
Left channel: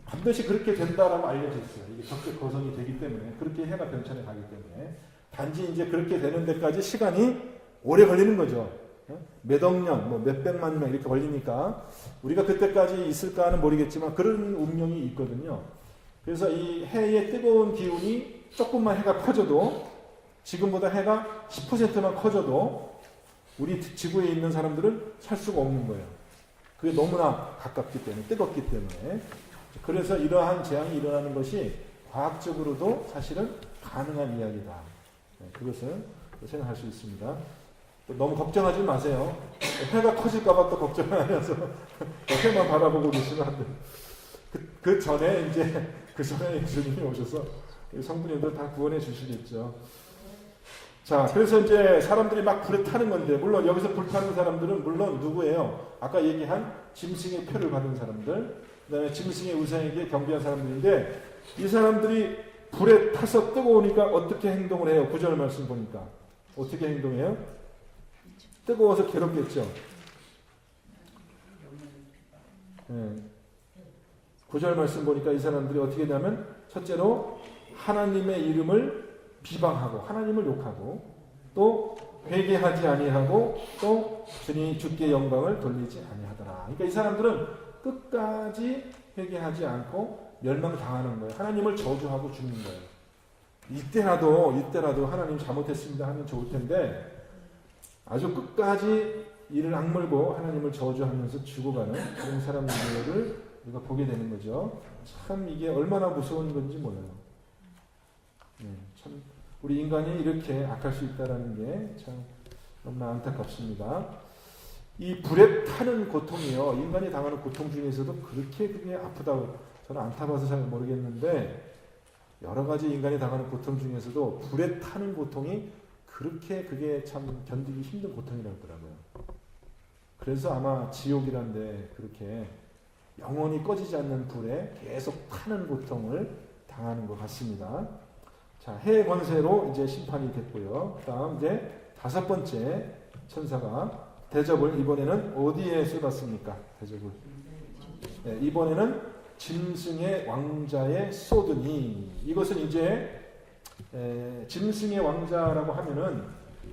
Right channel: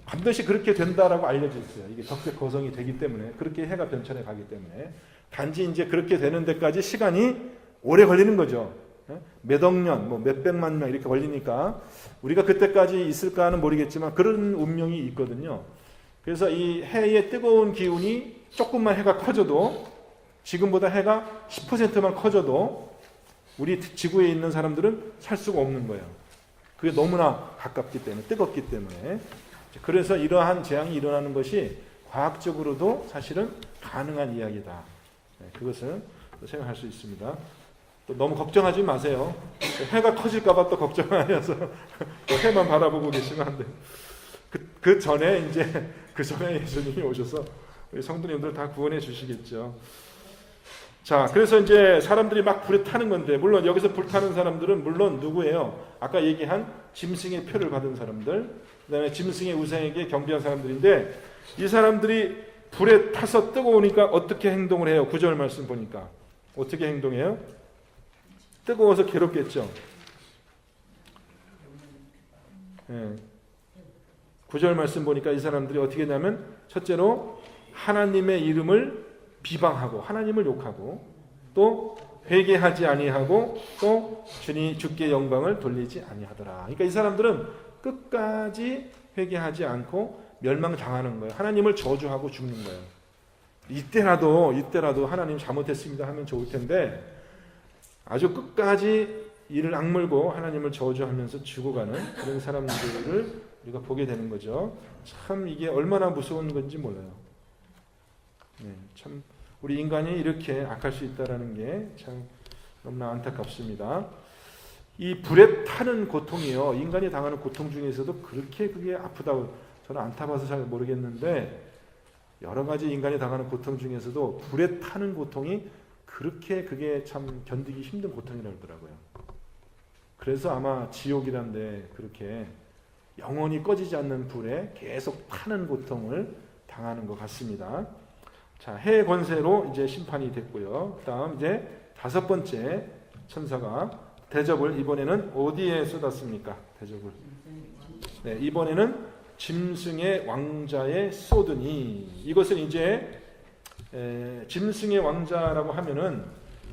반드시 그렇게 된다라고 알려져 있어요. 이게 적색거성이 되기 때문에, 그렇게 해가 변천해 가기 때문에. 단지 이제 그렇게 되는 데까지 시간이 오래 걸리는 거죠. 몇억 년, 몇백만 년 이렇게 걸리니까 우리가 그때까지 있을까는 모르겠지만 그런 운명이 있거든요. 그래서 이 해의 뜨거운 기운이 조금만 해가 커져도, 지금보다 해가 10%만 커져도 우리 지구에 있는 사람들은 살 수가 없는 거예요. 그게 너무나 가깝기 때문에, 뜨겁기 때문에. 그래서 이러한 재앙이 일어나는 것이 과학적으로도 사실은 가능한 이야기다. 그것을 생각할 수 있습니다. 또 너무 걱정하지 마세요. 해가 커질까봐 또 걱정하셔서 해만 바라보고 계시면 안 돼요. 그 전에 예수님이 오셔서 우리 성도님들 다 구원해 주시겠죠. 자, 그래서 이제 사람들이 막 불에 타는 건데, 물론 여기서 불타는 사람들은 물론 누구예요? 아까 얘기한 짐승의 표를 받은 사람들, 그 다음에 짐승의 우상에게 경배한 사람들인데, 이 사람들이 불에 타서 뜨거우니까 어떻게 행동을 해요? 9절 말씀 보니까 어떻게 행동해요? 뜨거워서 괴롭겠죠. 9절 말씀 보니까 이 사람들이 어떻게 되냐면 첫째로 하나님의 이름을 비방하고 하나님을 욕하고 또 회개하지 아니하고 또 주께 영광을 돌리지 아니하더라. 그러니까 이 사람들은 끝까지 회개하지 않고 멸망당하는 거예요. 하나님을 저주하고 죽는 거예요. 이때라도 하나님 잘못했습니다 하면 좋을 텐데 아주 끝까지 이를 악물고 하나님을 저주하면서 죽어가는 그런 사람들을 우리가 보게 되는 거죠. 참 이게 얼마나 무서운 건지 몰라요. 참 우리 인간이 이렇게 악할 수 있다는 게 참 너무나 안타깝습니다. 이 불에 타는 고통이요, 인간이 당하는 고통 중에서도 그게 아프다고 저는 안 타봐서 잘 모르겠는데 여러 가지 인간이 당하는 고통 중에서도 불에 타는 고통이 그게 참 견디기 힘든 고통이라고 하더라고요. 그래서 아마 지옥이란데 그렇게 영원히 꺼지지 않는 불에 계속 타는 고통을 당하는 것 같습니다. 자, 해 권세로 이제 심판이 됐고요. 그다음 이제 5번째 천사가 대접을 이번에는 어디에 쏟았습니까? 대접을. 네, 이번에는 짐승의 왕자에 쏟으니 이것은 이제 짐승의 왕자라고 하면은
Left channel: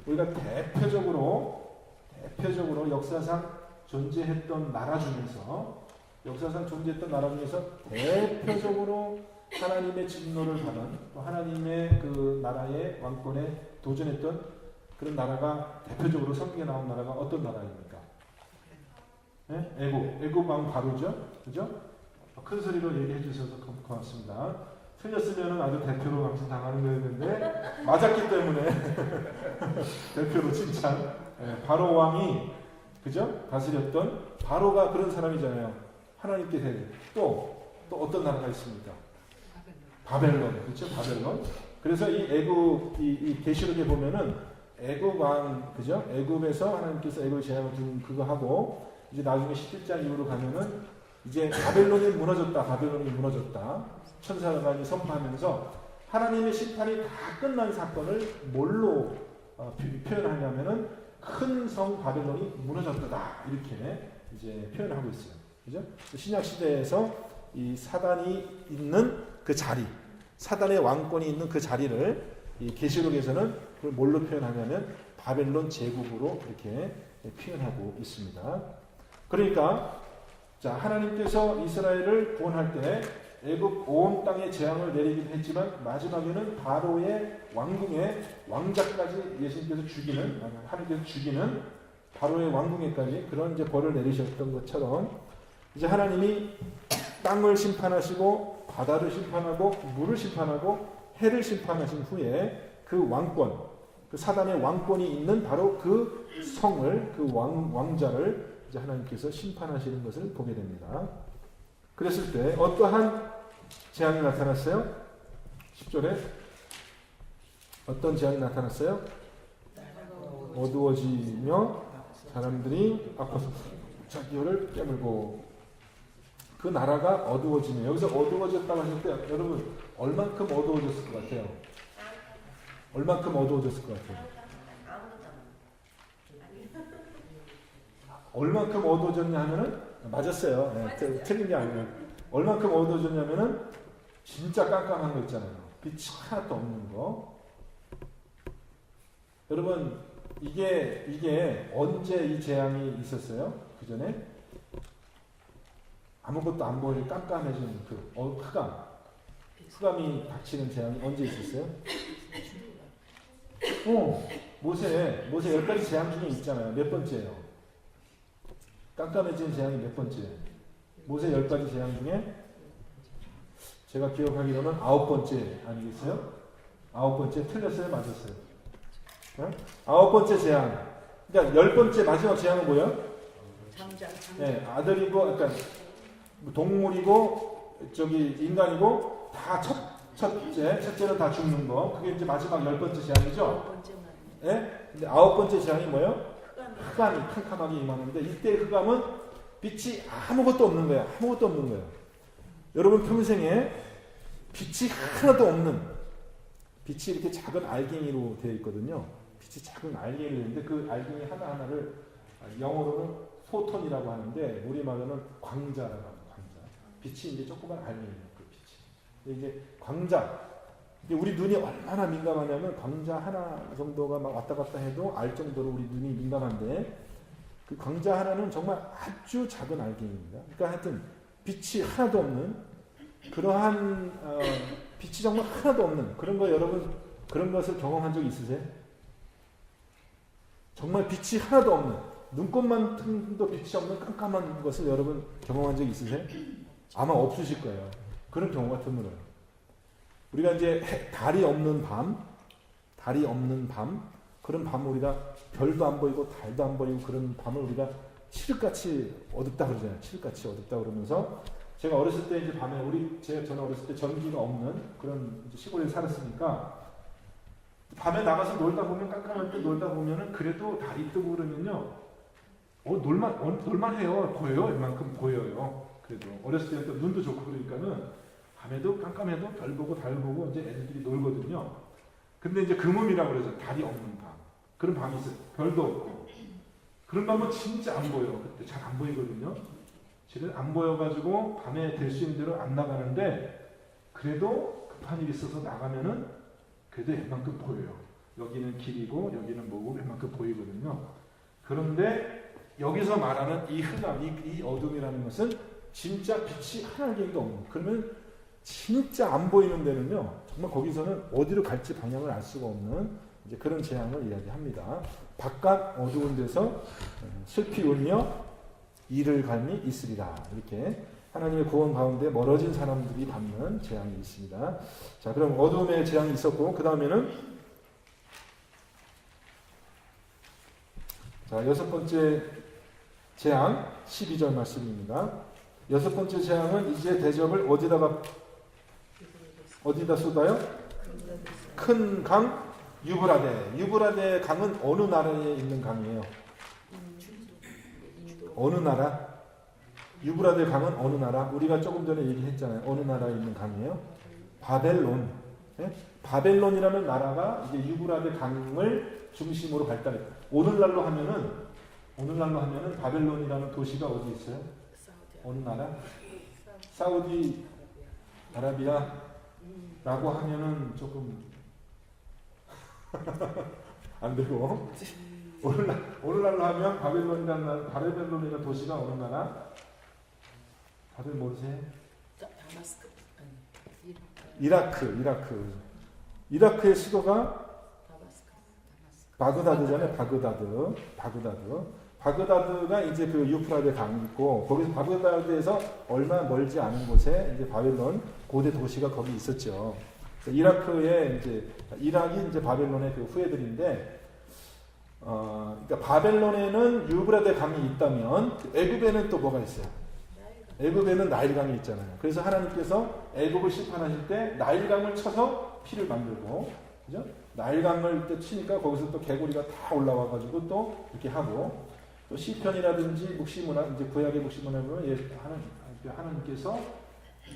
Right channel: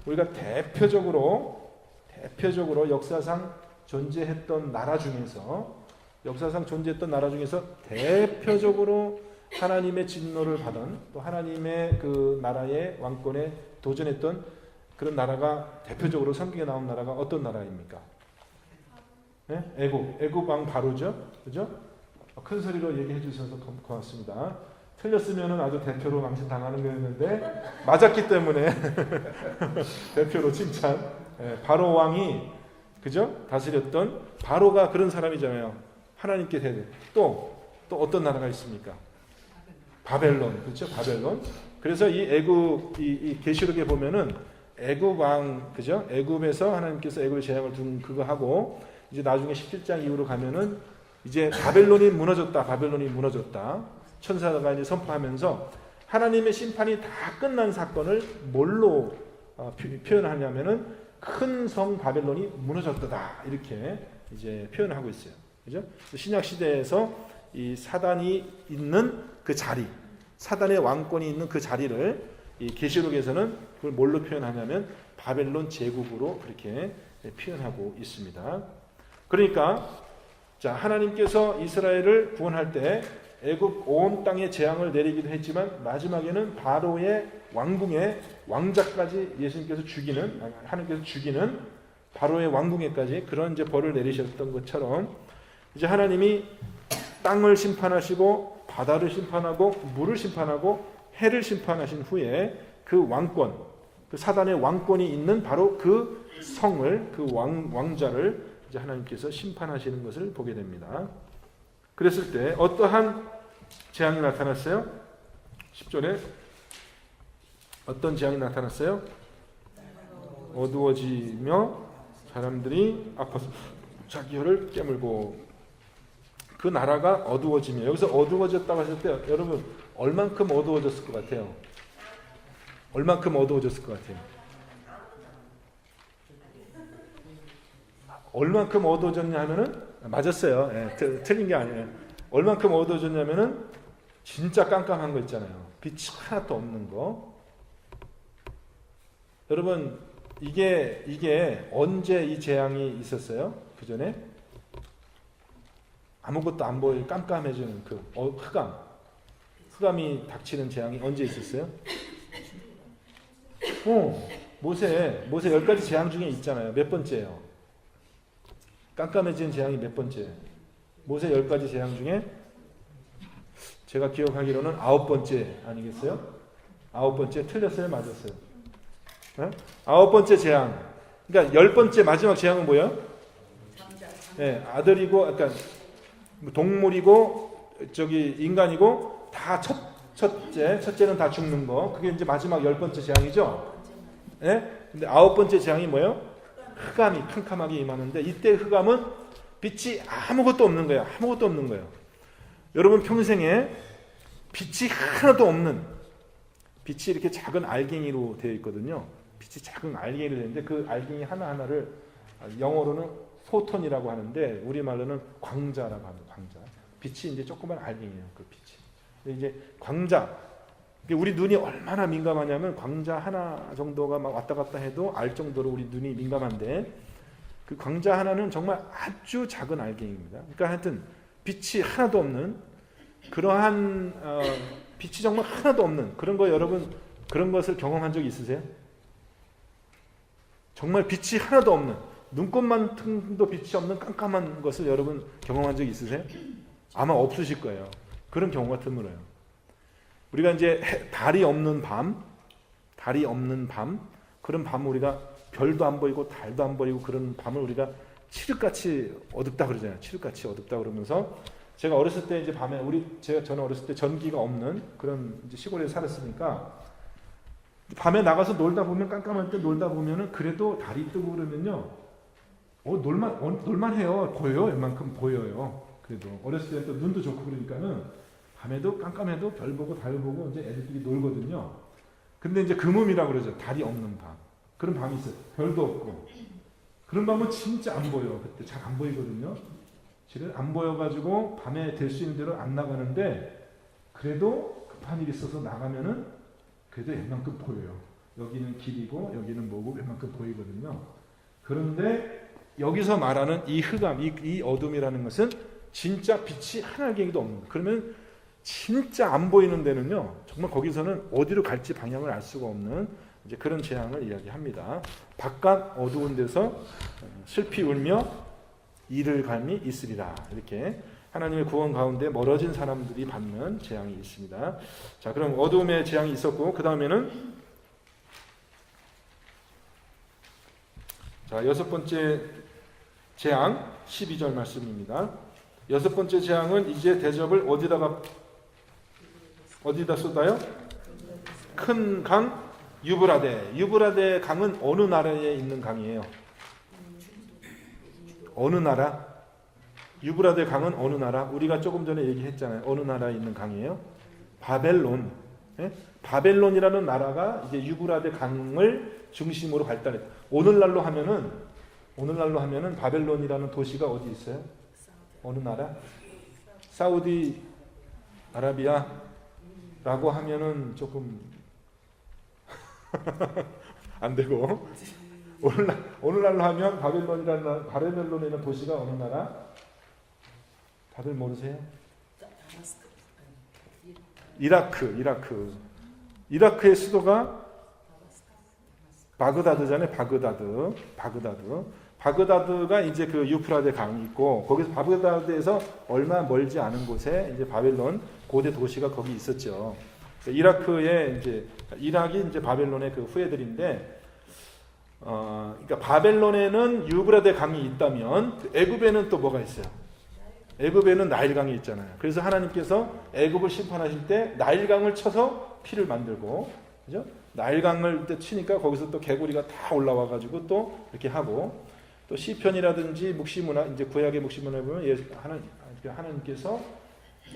우리가 대표적으로 역사상 존재했던 나라 중에서 대표적으로 하나님의 진노를 받은 또 하나님의 그 나라의 왕권에 도전했던 그런 나라가 대표적으로 성경에 나온 나라가 어떤 나라입니까? 네? 애굽 왕 바로죠, 그죠? 큰 소리로 얘기해 주셔서 고맙습니다. 틀렸으면 아주 대표로 감시당하는 거였는데 맞았기 때문에 대표로 칭찬. 바로 왕이 그죠? 다스렸던 바로가 그런 사람이잖아요. 하나님께 대대. 또 어떤 나라가 있습니까? 바벨론. 그렇죠? 바벨론. 그래서 이 애굽 이 계시록에 보면은 애굽 왕 그죠? 애굽에서 하나님께서 애굽의 재앙을 준 그거 하고 이제 나중에 17장 이후로 가면은 이제 바벨론이 무너졌다. 천사가 이제 선포하면서 하나님의 심판이 다 끝난 사건을 뭘로 표현하냐면은 큰 성 바벨론이 무너졌다 이렇게 이제 표현하고 있어요. 그죠? 신약 시대에서 이 사단이 있는 그 자리, 사단의 왕권이 있는 그 자리를 이 계시록에서는 그걸 뭘로 표현하냐면 바벨론 제국으로 이렇게 표현하고 있습니다. 그러니까 자, 하나님께서 이스라엘을 구원할 때 애굽 온 땅에 재앙을 내리기도 했지만 마지막에는 바로의 왕궁의 왕자까지 예수님께서 하나님께서 죽이는 바로의 왕궁에까지 그런 이제 벌을 내리셨던 것처럼 이제 하나님이 땅을 심판하시고 바다를 심판하고 물을 심판하고 해를 심판하신 후에 그 왕권, 그 사단의 왕권이 있는 바로 그 성을, 그 왕자를 이제 하나님께서 심판하시는 것을 보게 됩니다. 그랬을 때 어떠한 재앙이 나타났어요? 10절에 어떤 재앙이 나타났어요? 어두워지며 사람들이 아파서 자기 혀를 깨물고 그 나라가 어두워지며 여기서 어두워졌다고 했을 때 여러분 얼만큼 어두워졌을 것 같아요? 얼만큼 어두워졌을 것 같아요? 얼만큼 어두워졌냐 하면은 맞았어요. 네, 틀린 게 아니에요. 얼만큼 어두워졌냐면은 진짜 깜깜한 거 있잖아요. 빛이 하나도 없는 거. 여러분 이게 언제 이 재앙이 있었어요? 그 전에 아무것도 안 보일 깜깜해지는 그 흑암이 닥치는 재앙이 언제 있었어요? 모세 10가지 재앙 중에 있잖아요. 몇 번째예요? 깜깜해지는 재앙이 몇 번째? 모세 10가지 재앙 중에 제가 기억하기로는 9번째 아니겠어요? 9번째 틀렸어요? 맞았어요? 네? 9번째 재앙. 그러니까 10번째 마지막 재앙은 뭐예요? 네, 아들이고, 그러니까 동물이고, 인간이고, 다 첫째는 다 죽는 거. 그게 이제 마지막 10번째 재앙이죠? 네? 근데 9번째 재앙이 뭐예요? 흑암이 캄캄하게 임하는데, 이때 흑암은 빛이 아무것도 없는 거예요. 아무것도 없는 거예요. 여러분 평생에 빛이 하나도 없는, 빛이 이렇게 작은 알갱이로 되어 있거든요. 빛이 작은 알갱이로 되어 있는데, 그 알갱이 하나하나를 영어로는 포톤이라고 하는데, 우리말로는 광자라고 합니다. 광자. 빛이 이제 조그만 알갱이에요. 그 빛이. 이제 광자. 우리 눈이 얼마나 민감하냐면 광자 하나 정도가 막 왔다 갔다 해도 알 정도로 우리 눈이 민감한데 그 광자 하나는 정말 아주 작은 알갱이입니다. 그러니까 하여튼 빛이 하나도 없는 그러한 빛이 정말 하나도 없는 그런 거 여러분 그런 것을 경험한 적 있으세요? 정말 빛이 하나도 없는 눈곱만큼도 빛이 없는 깜깜한 것을 여러분 경험한 적 있으세요? 아마 없으실 거예요. 그런 경우가 드물어요. 우리가 이제 달이 없는 밤 그런 밤 우리가 별도 안 보이고 달도 안 보이고 그런 밤을 우리가 칠흑같이 어둡다 그러잖아요. 칠흑같이 어둡다 그러면서 제가 어렸을 때 이제 밤에 저는 어렸을 때 전기가 없는 그런 시골에 살았으니까 밤에 나가서 놀다 보면 깜깜할 때 놀다 보면은 그래도 달이 뜨고 그러면요. 놀만해요. 보여요. 웬만큼 보여요. 그래도 어렸을 때 또 눈도 좋고 그러니까는 밤에도 깜깜해도 별 보고 달 보고 이제 애들끼리 놀거든요. 근데 이제 금음이라고 그러죠. 달이 없는 밤. 그런 밤이 있어요. 별도 없고. 그런 밤은 진짜 안 보여. 그때 잘 안 보이거든요. 실은 안 보여가지고 밤에 될 수 있는 대로 안 나가는데 그래도 급한 일이 있어서 나가면은 그래도 웬만큼 보여요. 여기는 길이고 여기는 뭐고 웬만큼 보이거든요. 그런데 여기서 말하는 이 흑암, 이 어둠이라는 것은 진짜 빛이 한 알갱이도 없는. 그러면 진짜 안 보이는 데는요. 정말 거기서는 어디로 갈지 방향을 알 수가 없는 이제 그런 재앙을 이야기합니다. 바깥 어두운 데서 슬피 울며 이를 갈미 있으리라. 이렇게 하나님의 구원 가운데 멀어진 사람들이 받는 재앙이 있습니다. 자, 그럼 어두움의 재앙이 있었고 그 다음에는 자, 여섯 번째 재앙 12절 말씀입니다. 여섯 번째 재앙은 이제 대접을 어디다 쏟아요? 큰 강 유브라데 강은 어느 나라에 있는 강이에요? 어느 나라? 유브라데 강은 어느 나라? 우리가 조금 전에 얘기했잖아요. 어느 나라에 있는 강이에요? 바벨론. 예? 바벨론이라는 나라가 이제 유브라데 강을 중심으로 발달해요. 오늘날로 하면은 바벨론이라는 도시가 어디 있어요? 어느 나라? 사우디 아라비아라고 하면은 조금 안 되고 오늘날로 하면 바벨론이라는 도시가 어느 나라? 다들 모르세요? 이라크의 수도가 바그다드잖아요. 바그다드가 이제 그 유프라데 강이 있고 거기서 바그다드에서 얼마 멀지 않은 곳에 이제 바벨론 고대 도시가 거기 있었죠. 이라크의 이락이 이제 바벨론의 그 후예들인데, 그러니까 바벨론에는 유브라데 강이 있다면 애굽에는 또 뭐가 있어요? 애굽에는 나일강이 있잖아요. 그래서 하나님께서 애굽을 심판하실 때 나일강을 쳐서 피를 만들고, 그죠? 나일강을 치니까 거기서 또 개구리가 다 올라와가지고 또 이렇게 하고, 또 시편이라든지 묵시문화, 이제 구약의 묵시문화에 보면 하나님께서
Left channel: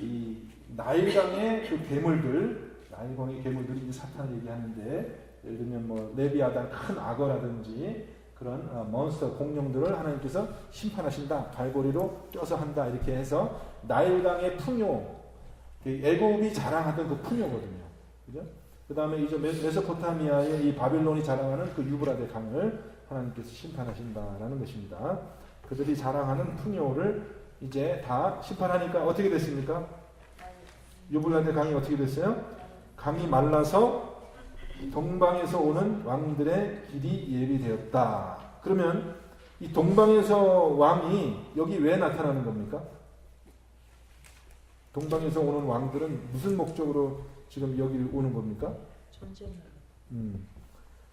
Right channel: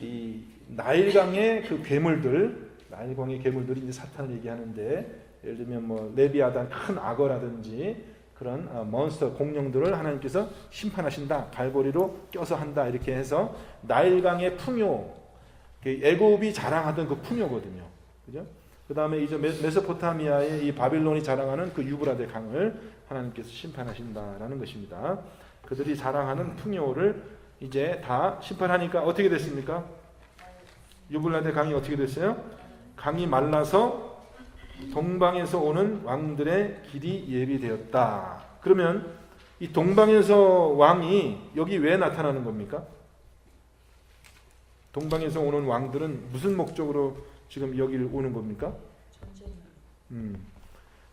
이 나일강의 그 나일강의 괴물들이 이제 사탄을 얘기하는데, 예를 들면 뭐 네비아단 큰 악어라든지 그런 몬스터 공룡들을 하나님께서 심판하신다, 발고리로 껴서 한다, 이렇게 해서 나일강의 풍요, 애굽이 자랑하던 그 풍요거든요. 그죠? 그 다음에 이제 메소포타미아의 이 바빌론이 자랑하는 그 유브라데 강을 하나님께서 심판하신다라는 것입니다. 그들이 자랑하는 풍요를 이제 다 심판하니까 어떻게 됐습니까? 유브라데 강이 어떻게 됐어요? 강이 말라서 동방에서 오는 왕들의 길이 예비되었다. 그러면 이 동방에서 왕이 여기 왜 나타나는 겁니까? 동방에서 오는 왕들은 무슨 목적으로 지금 여기를 오는 겁니까? 전쟁.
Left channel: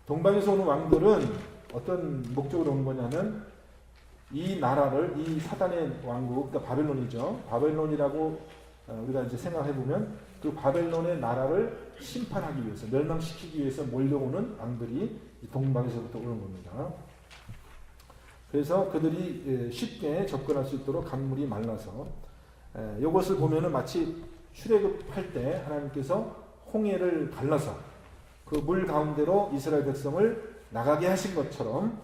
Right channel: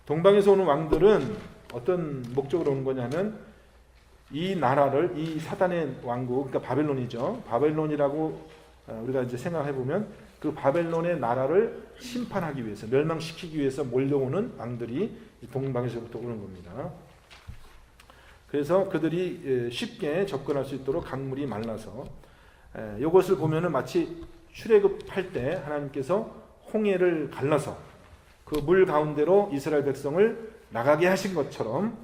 동방에서 오는 왕들은 어떤 목적으로 오는 거냐면 이 나라를, 이 사단의 왕국, 그러니까 바벨론이죠. 바벨론이라고 우리가 이제 생각해 보면 그 바벨론의 나라를 심판하기 위해서, 멸망시키기 위해서 몰려오는 왕들이 동방에서부터 오는 겁니다. 그래서 그들이 쉽게 접근할 수 있도록 강물이 말라서, 이것을 보면은 마치 출애굽할 때 하나님께서 홍해를 갈라서 그 물 가운데로 이스라엘 백성을 나가게 하신 것처럼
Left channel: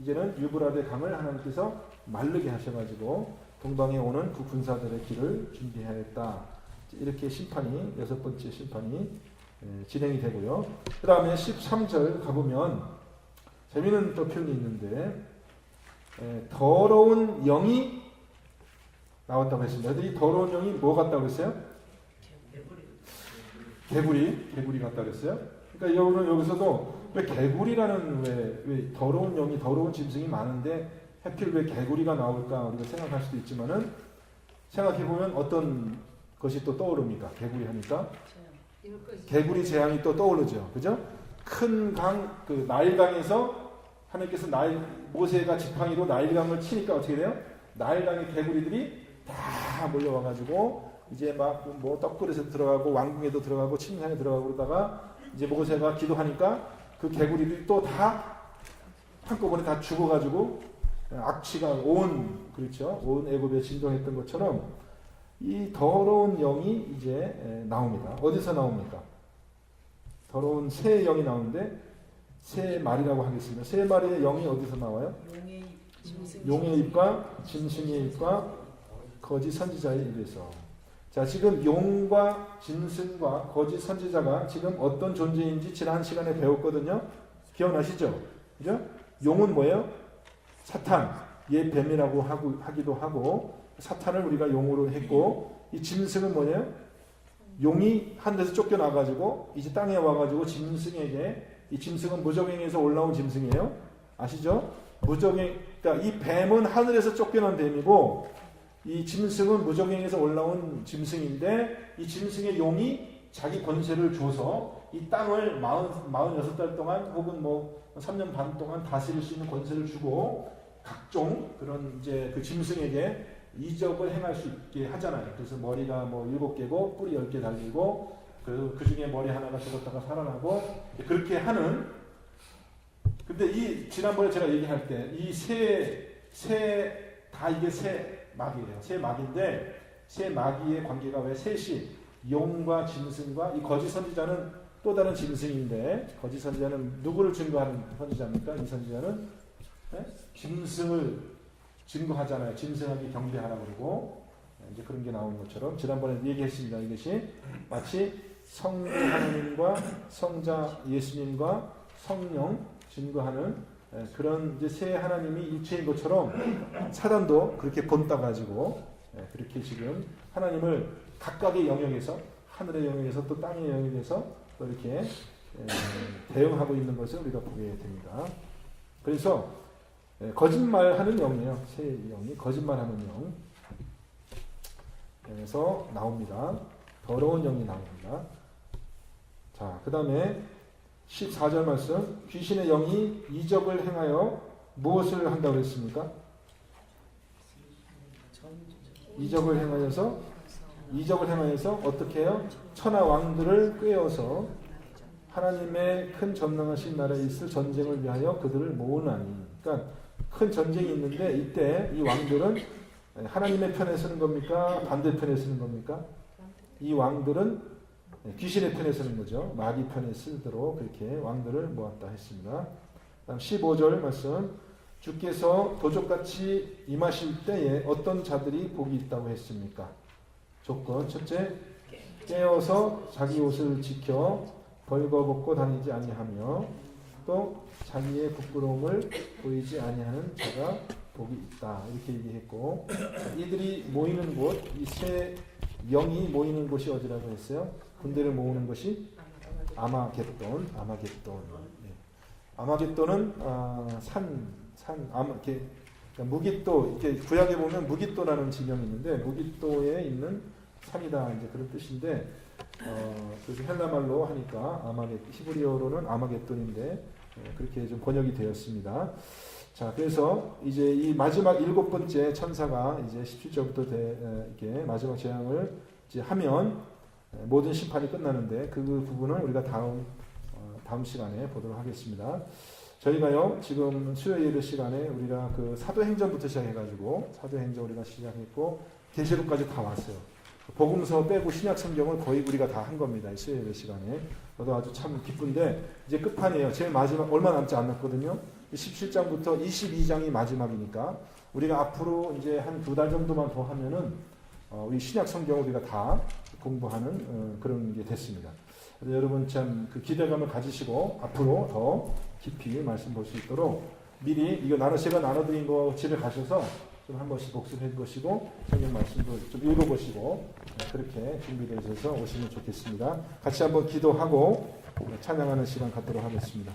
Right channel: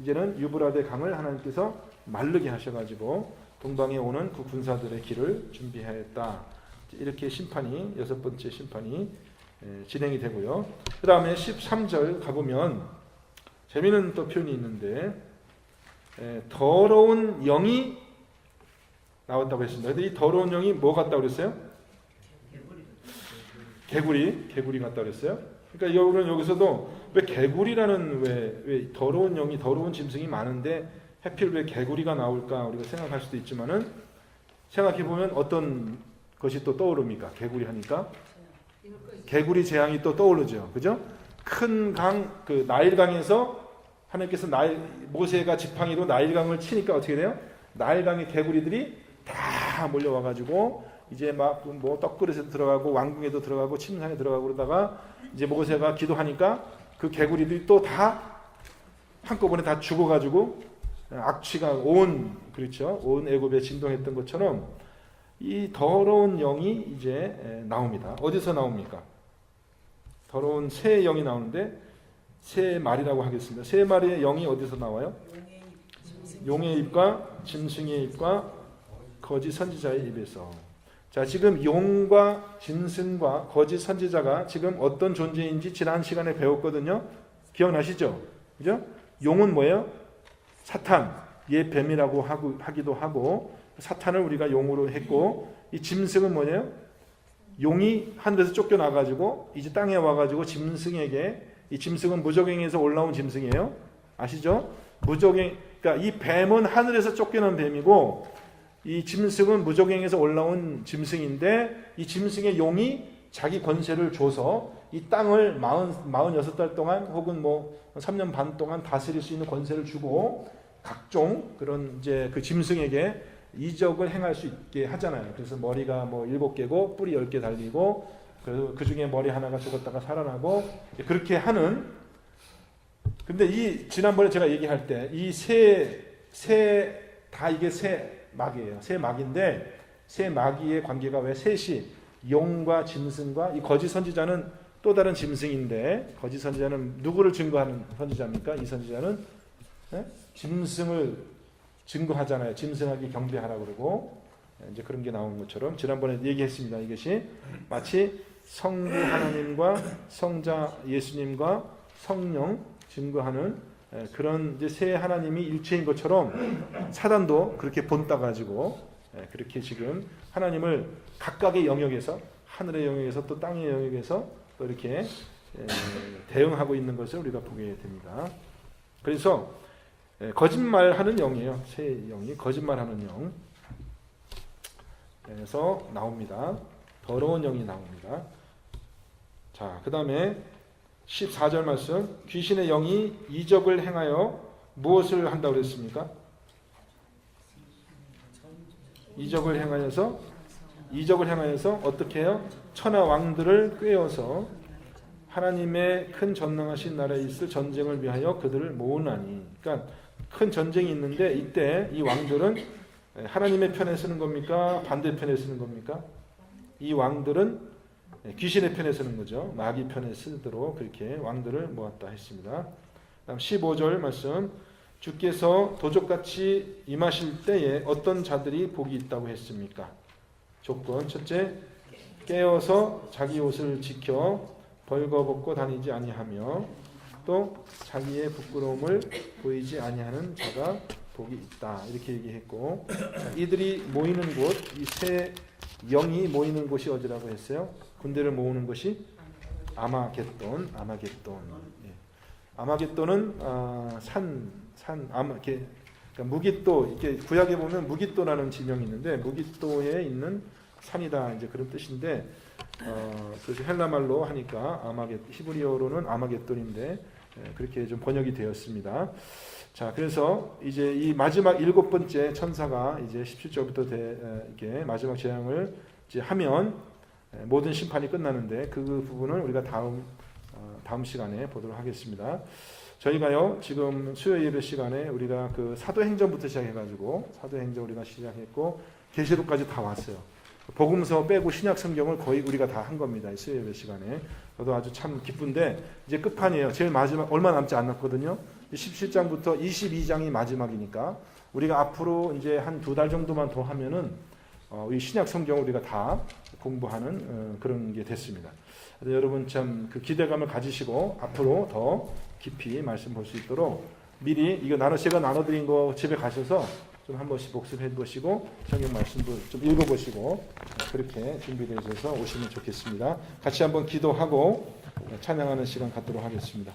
이제는 유브라데 강을 하나님께서 마르게 하셔가지고 동방에 오는 그 군사들의 길을 준비하였다. 이렇게 심판이, 6번째 심판이 진행이 되고요. 그 다음에 13절 가보면 재미있는 또 표현이 있는데 더러운 영이 나왔다고 했습니다. 근데 이 더러운 영이 뭐 같다고 그랬어요? 개구리 같다고 그랬어요. 그러니까 여기서도 왜 개구리라는 왜 더러운 영이, 더러운 짐승이 많은데 하필 왜 개구리가 나올까 우리가 생각할 수도 있지만은 생각해보면 어떤 것이 또 떠오릅니까? 개구리 하니까 개구리 재앙이 또 떠오르죠. 그죠? 큰 강, 그 나일강에서 하나님께서 모세가 지팡이로 나일강을 치니까 어떻게 돼요? 나일강의 개구리들이 다 몰려와가지고 이제 막 뭐 떡그릇에 들어가고 왕궁에도 들어가고 침상에 들어가고 그러다가 이제 모세가 기도하니까 그 개구리들이 또 다 한꺼번에 다 죽어가지고 악취가 그렇죠? 온 애굽에 진동했던 것처럼 이 더러운 영이 이제 나옵니다. 어디서 나옵니까? 더러운 새 영이 나오는데 새 말이라고 하겠습니다. 새 말의 영이 어디서 나와요? 용의 입과 짐승의 입과 거짓 선지자의 입에서. 자, 지금 용과 짐승과 거짓 선지자가 지금 어떤 존재인지 지난 시간에 배웠거든요. 기억나시죠? 그죠? 용은 뭐예요? 사탄, 뱀이라고 하기도 하고 사탄을 우리가 용으로 했고 이 짐승은 뭐예요? 용이 하늘에서 쫓겨나가지고 이제 땅에 와가지고 짐승에게 이 짐승은 무적행에서 올라온 짐승이에요. 아시죠? 그러니까 이 뱀은 하늘에서 쫓겨난 뱀이고 이 짐승은 무적행에서 올라온 짐승인데 이 짐승의 용이 자기 권세를 줘서 이 땅을 46달 동안 혹은 뭐 3년 반 동안 다스릴 수 있는 권세를 주고 각종 그런 이제 그 짐승에게 이적을 행할 수 있게 하잖아요. 그래서 머리가 뭐 7개고 뿔이 10개 달리고 그 중에 머리 하나가 죽었다가 살아나고 그렇게 하는. 근데 이 지난번에 제가 얘기할 때 이 다 이게 새 마귀예요. 새 마귀인데 새 마귀의 관계가 왜 셋이 용과 짐승과 이 거짓 선지자는 또 다른 짐승인데 거짓 선지자는 누구를 증거하는 선지자입니까? 이 선지자는 짐승을 증거하잖아요. 짐승에게 경배하라고 그러고 이제 그런 게 나오는 것처럼 지난번에 얘기했습니다. 이것이 마치 성부 하나님과 성자 예수님과 성령 증거하는 그런 이제 세 하나님이 일체인 것처럼 사단도 그렇게 본따 가지고 그렇게 지금 하나님을 각각의 영역에서 하늘의 영역에서 또 땅의 영역에서 또 이렇게 대응하고 있는 것을 우리가 보게 됩니다. 그래서 거짓말하는 영이에요. 새 영이 거짓말하는 영. 그래서 나옵니다. 더러운 영이 나옵니다. 자, 그 다음에 14절 말씀. 귀신의 영이 이적을 행하여 무엇을 한다고 했습니까? 이적을 행하여서 어떻게 해요? 천하 왕들을 꾀어서 하나님의 큰 전능하신 나라에 있을 전쟁을 위하여 그들을 모으나니. 그러니까 큰 전쟁이 있는데 이때 이 왕들은 하나님의 편에 서는 겁니까? 반대편에 서는 겁니까? 이 왕들은 귀신의 편에 서는 거죠. 마귀 편에 쓰도록 그렇게 왕들을 모았다 했습니다. 다음 15절 말씀. 주께서 도적같이 임하실 때에 어떤 자들이 복이 있다고 했습니까? 조건. 첫째, 깨어서 자기 옷을 지켜 벌거벗고 다니지 아니하며 또 자기의 부끄러움을 보이지 아니하는 자가 복이 있다. 이렇게 얘기했고 이들이 모이는 곳, 이 세 영이 모이는 곳이 어디라고 했어요? 군대를 모으는 것이 아마겟돈. 아마겟돈은 그러니까 무깃도, 이렇게 구약에 보면 무깃도라는 지명이 있는데 무깃도에 있는 산이다 이제 그런 뜻인데 그래서 헬라말로 하니까 히브리어로는 아마겟돈인데 그렇게 좀 번역이 되었습니다. 자, 그래서 이제 이 마지막 7번째 천사가 이제 17절부터 이렇게 마지막 재앙을 이제 하면 모든 심판이 끝나는데 그 부분은 우리가 다음 시간에 보도록 하겠습니다. 저희가요 지금 수요 예배 시간에 우리가 그 사도행전부터 시작해가지고 사도행전 우리가 시작했고 계시록까지 다 왔어요. 복음서 빼고 신약 성경을 거의 우리가 다 한 겁니다. 이 수요 예배 시간에. 저도 아주 참 기쁜데 이제 끝판이에요. 제일 마지막 얼마 남지 않았거든요. 17장부터 22장이 마지막이니까 우리가 앞으로 이제 한 2달 정도만 더 하면은 이 신약 성경을 우리가 다 공부하는 그런 게 됐습니다. 그래서 여러분 참 그 기대감을 가지시고 앞으로 더 깊이 말씀 볼 수 있도록 미리 이거 제가 나눠드린 거 집에 가셔서 좀 한 번씩 복습해 보시고 성경 말씀도 좀 읽어보시고 그렇게 준비되셔서 오시면 좋겠습니다. 같이 한번 기도하고 찬양하는 시간 갖도록 하겠습니다.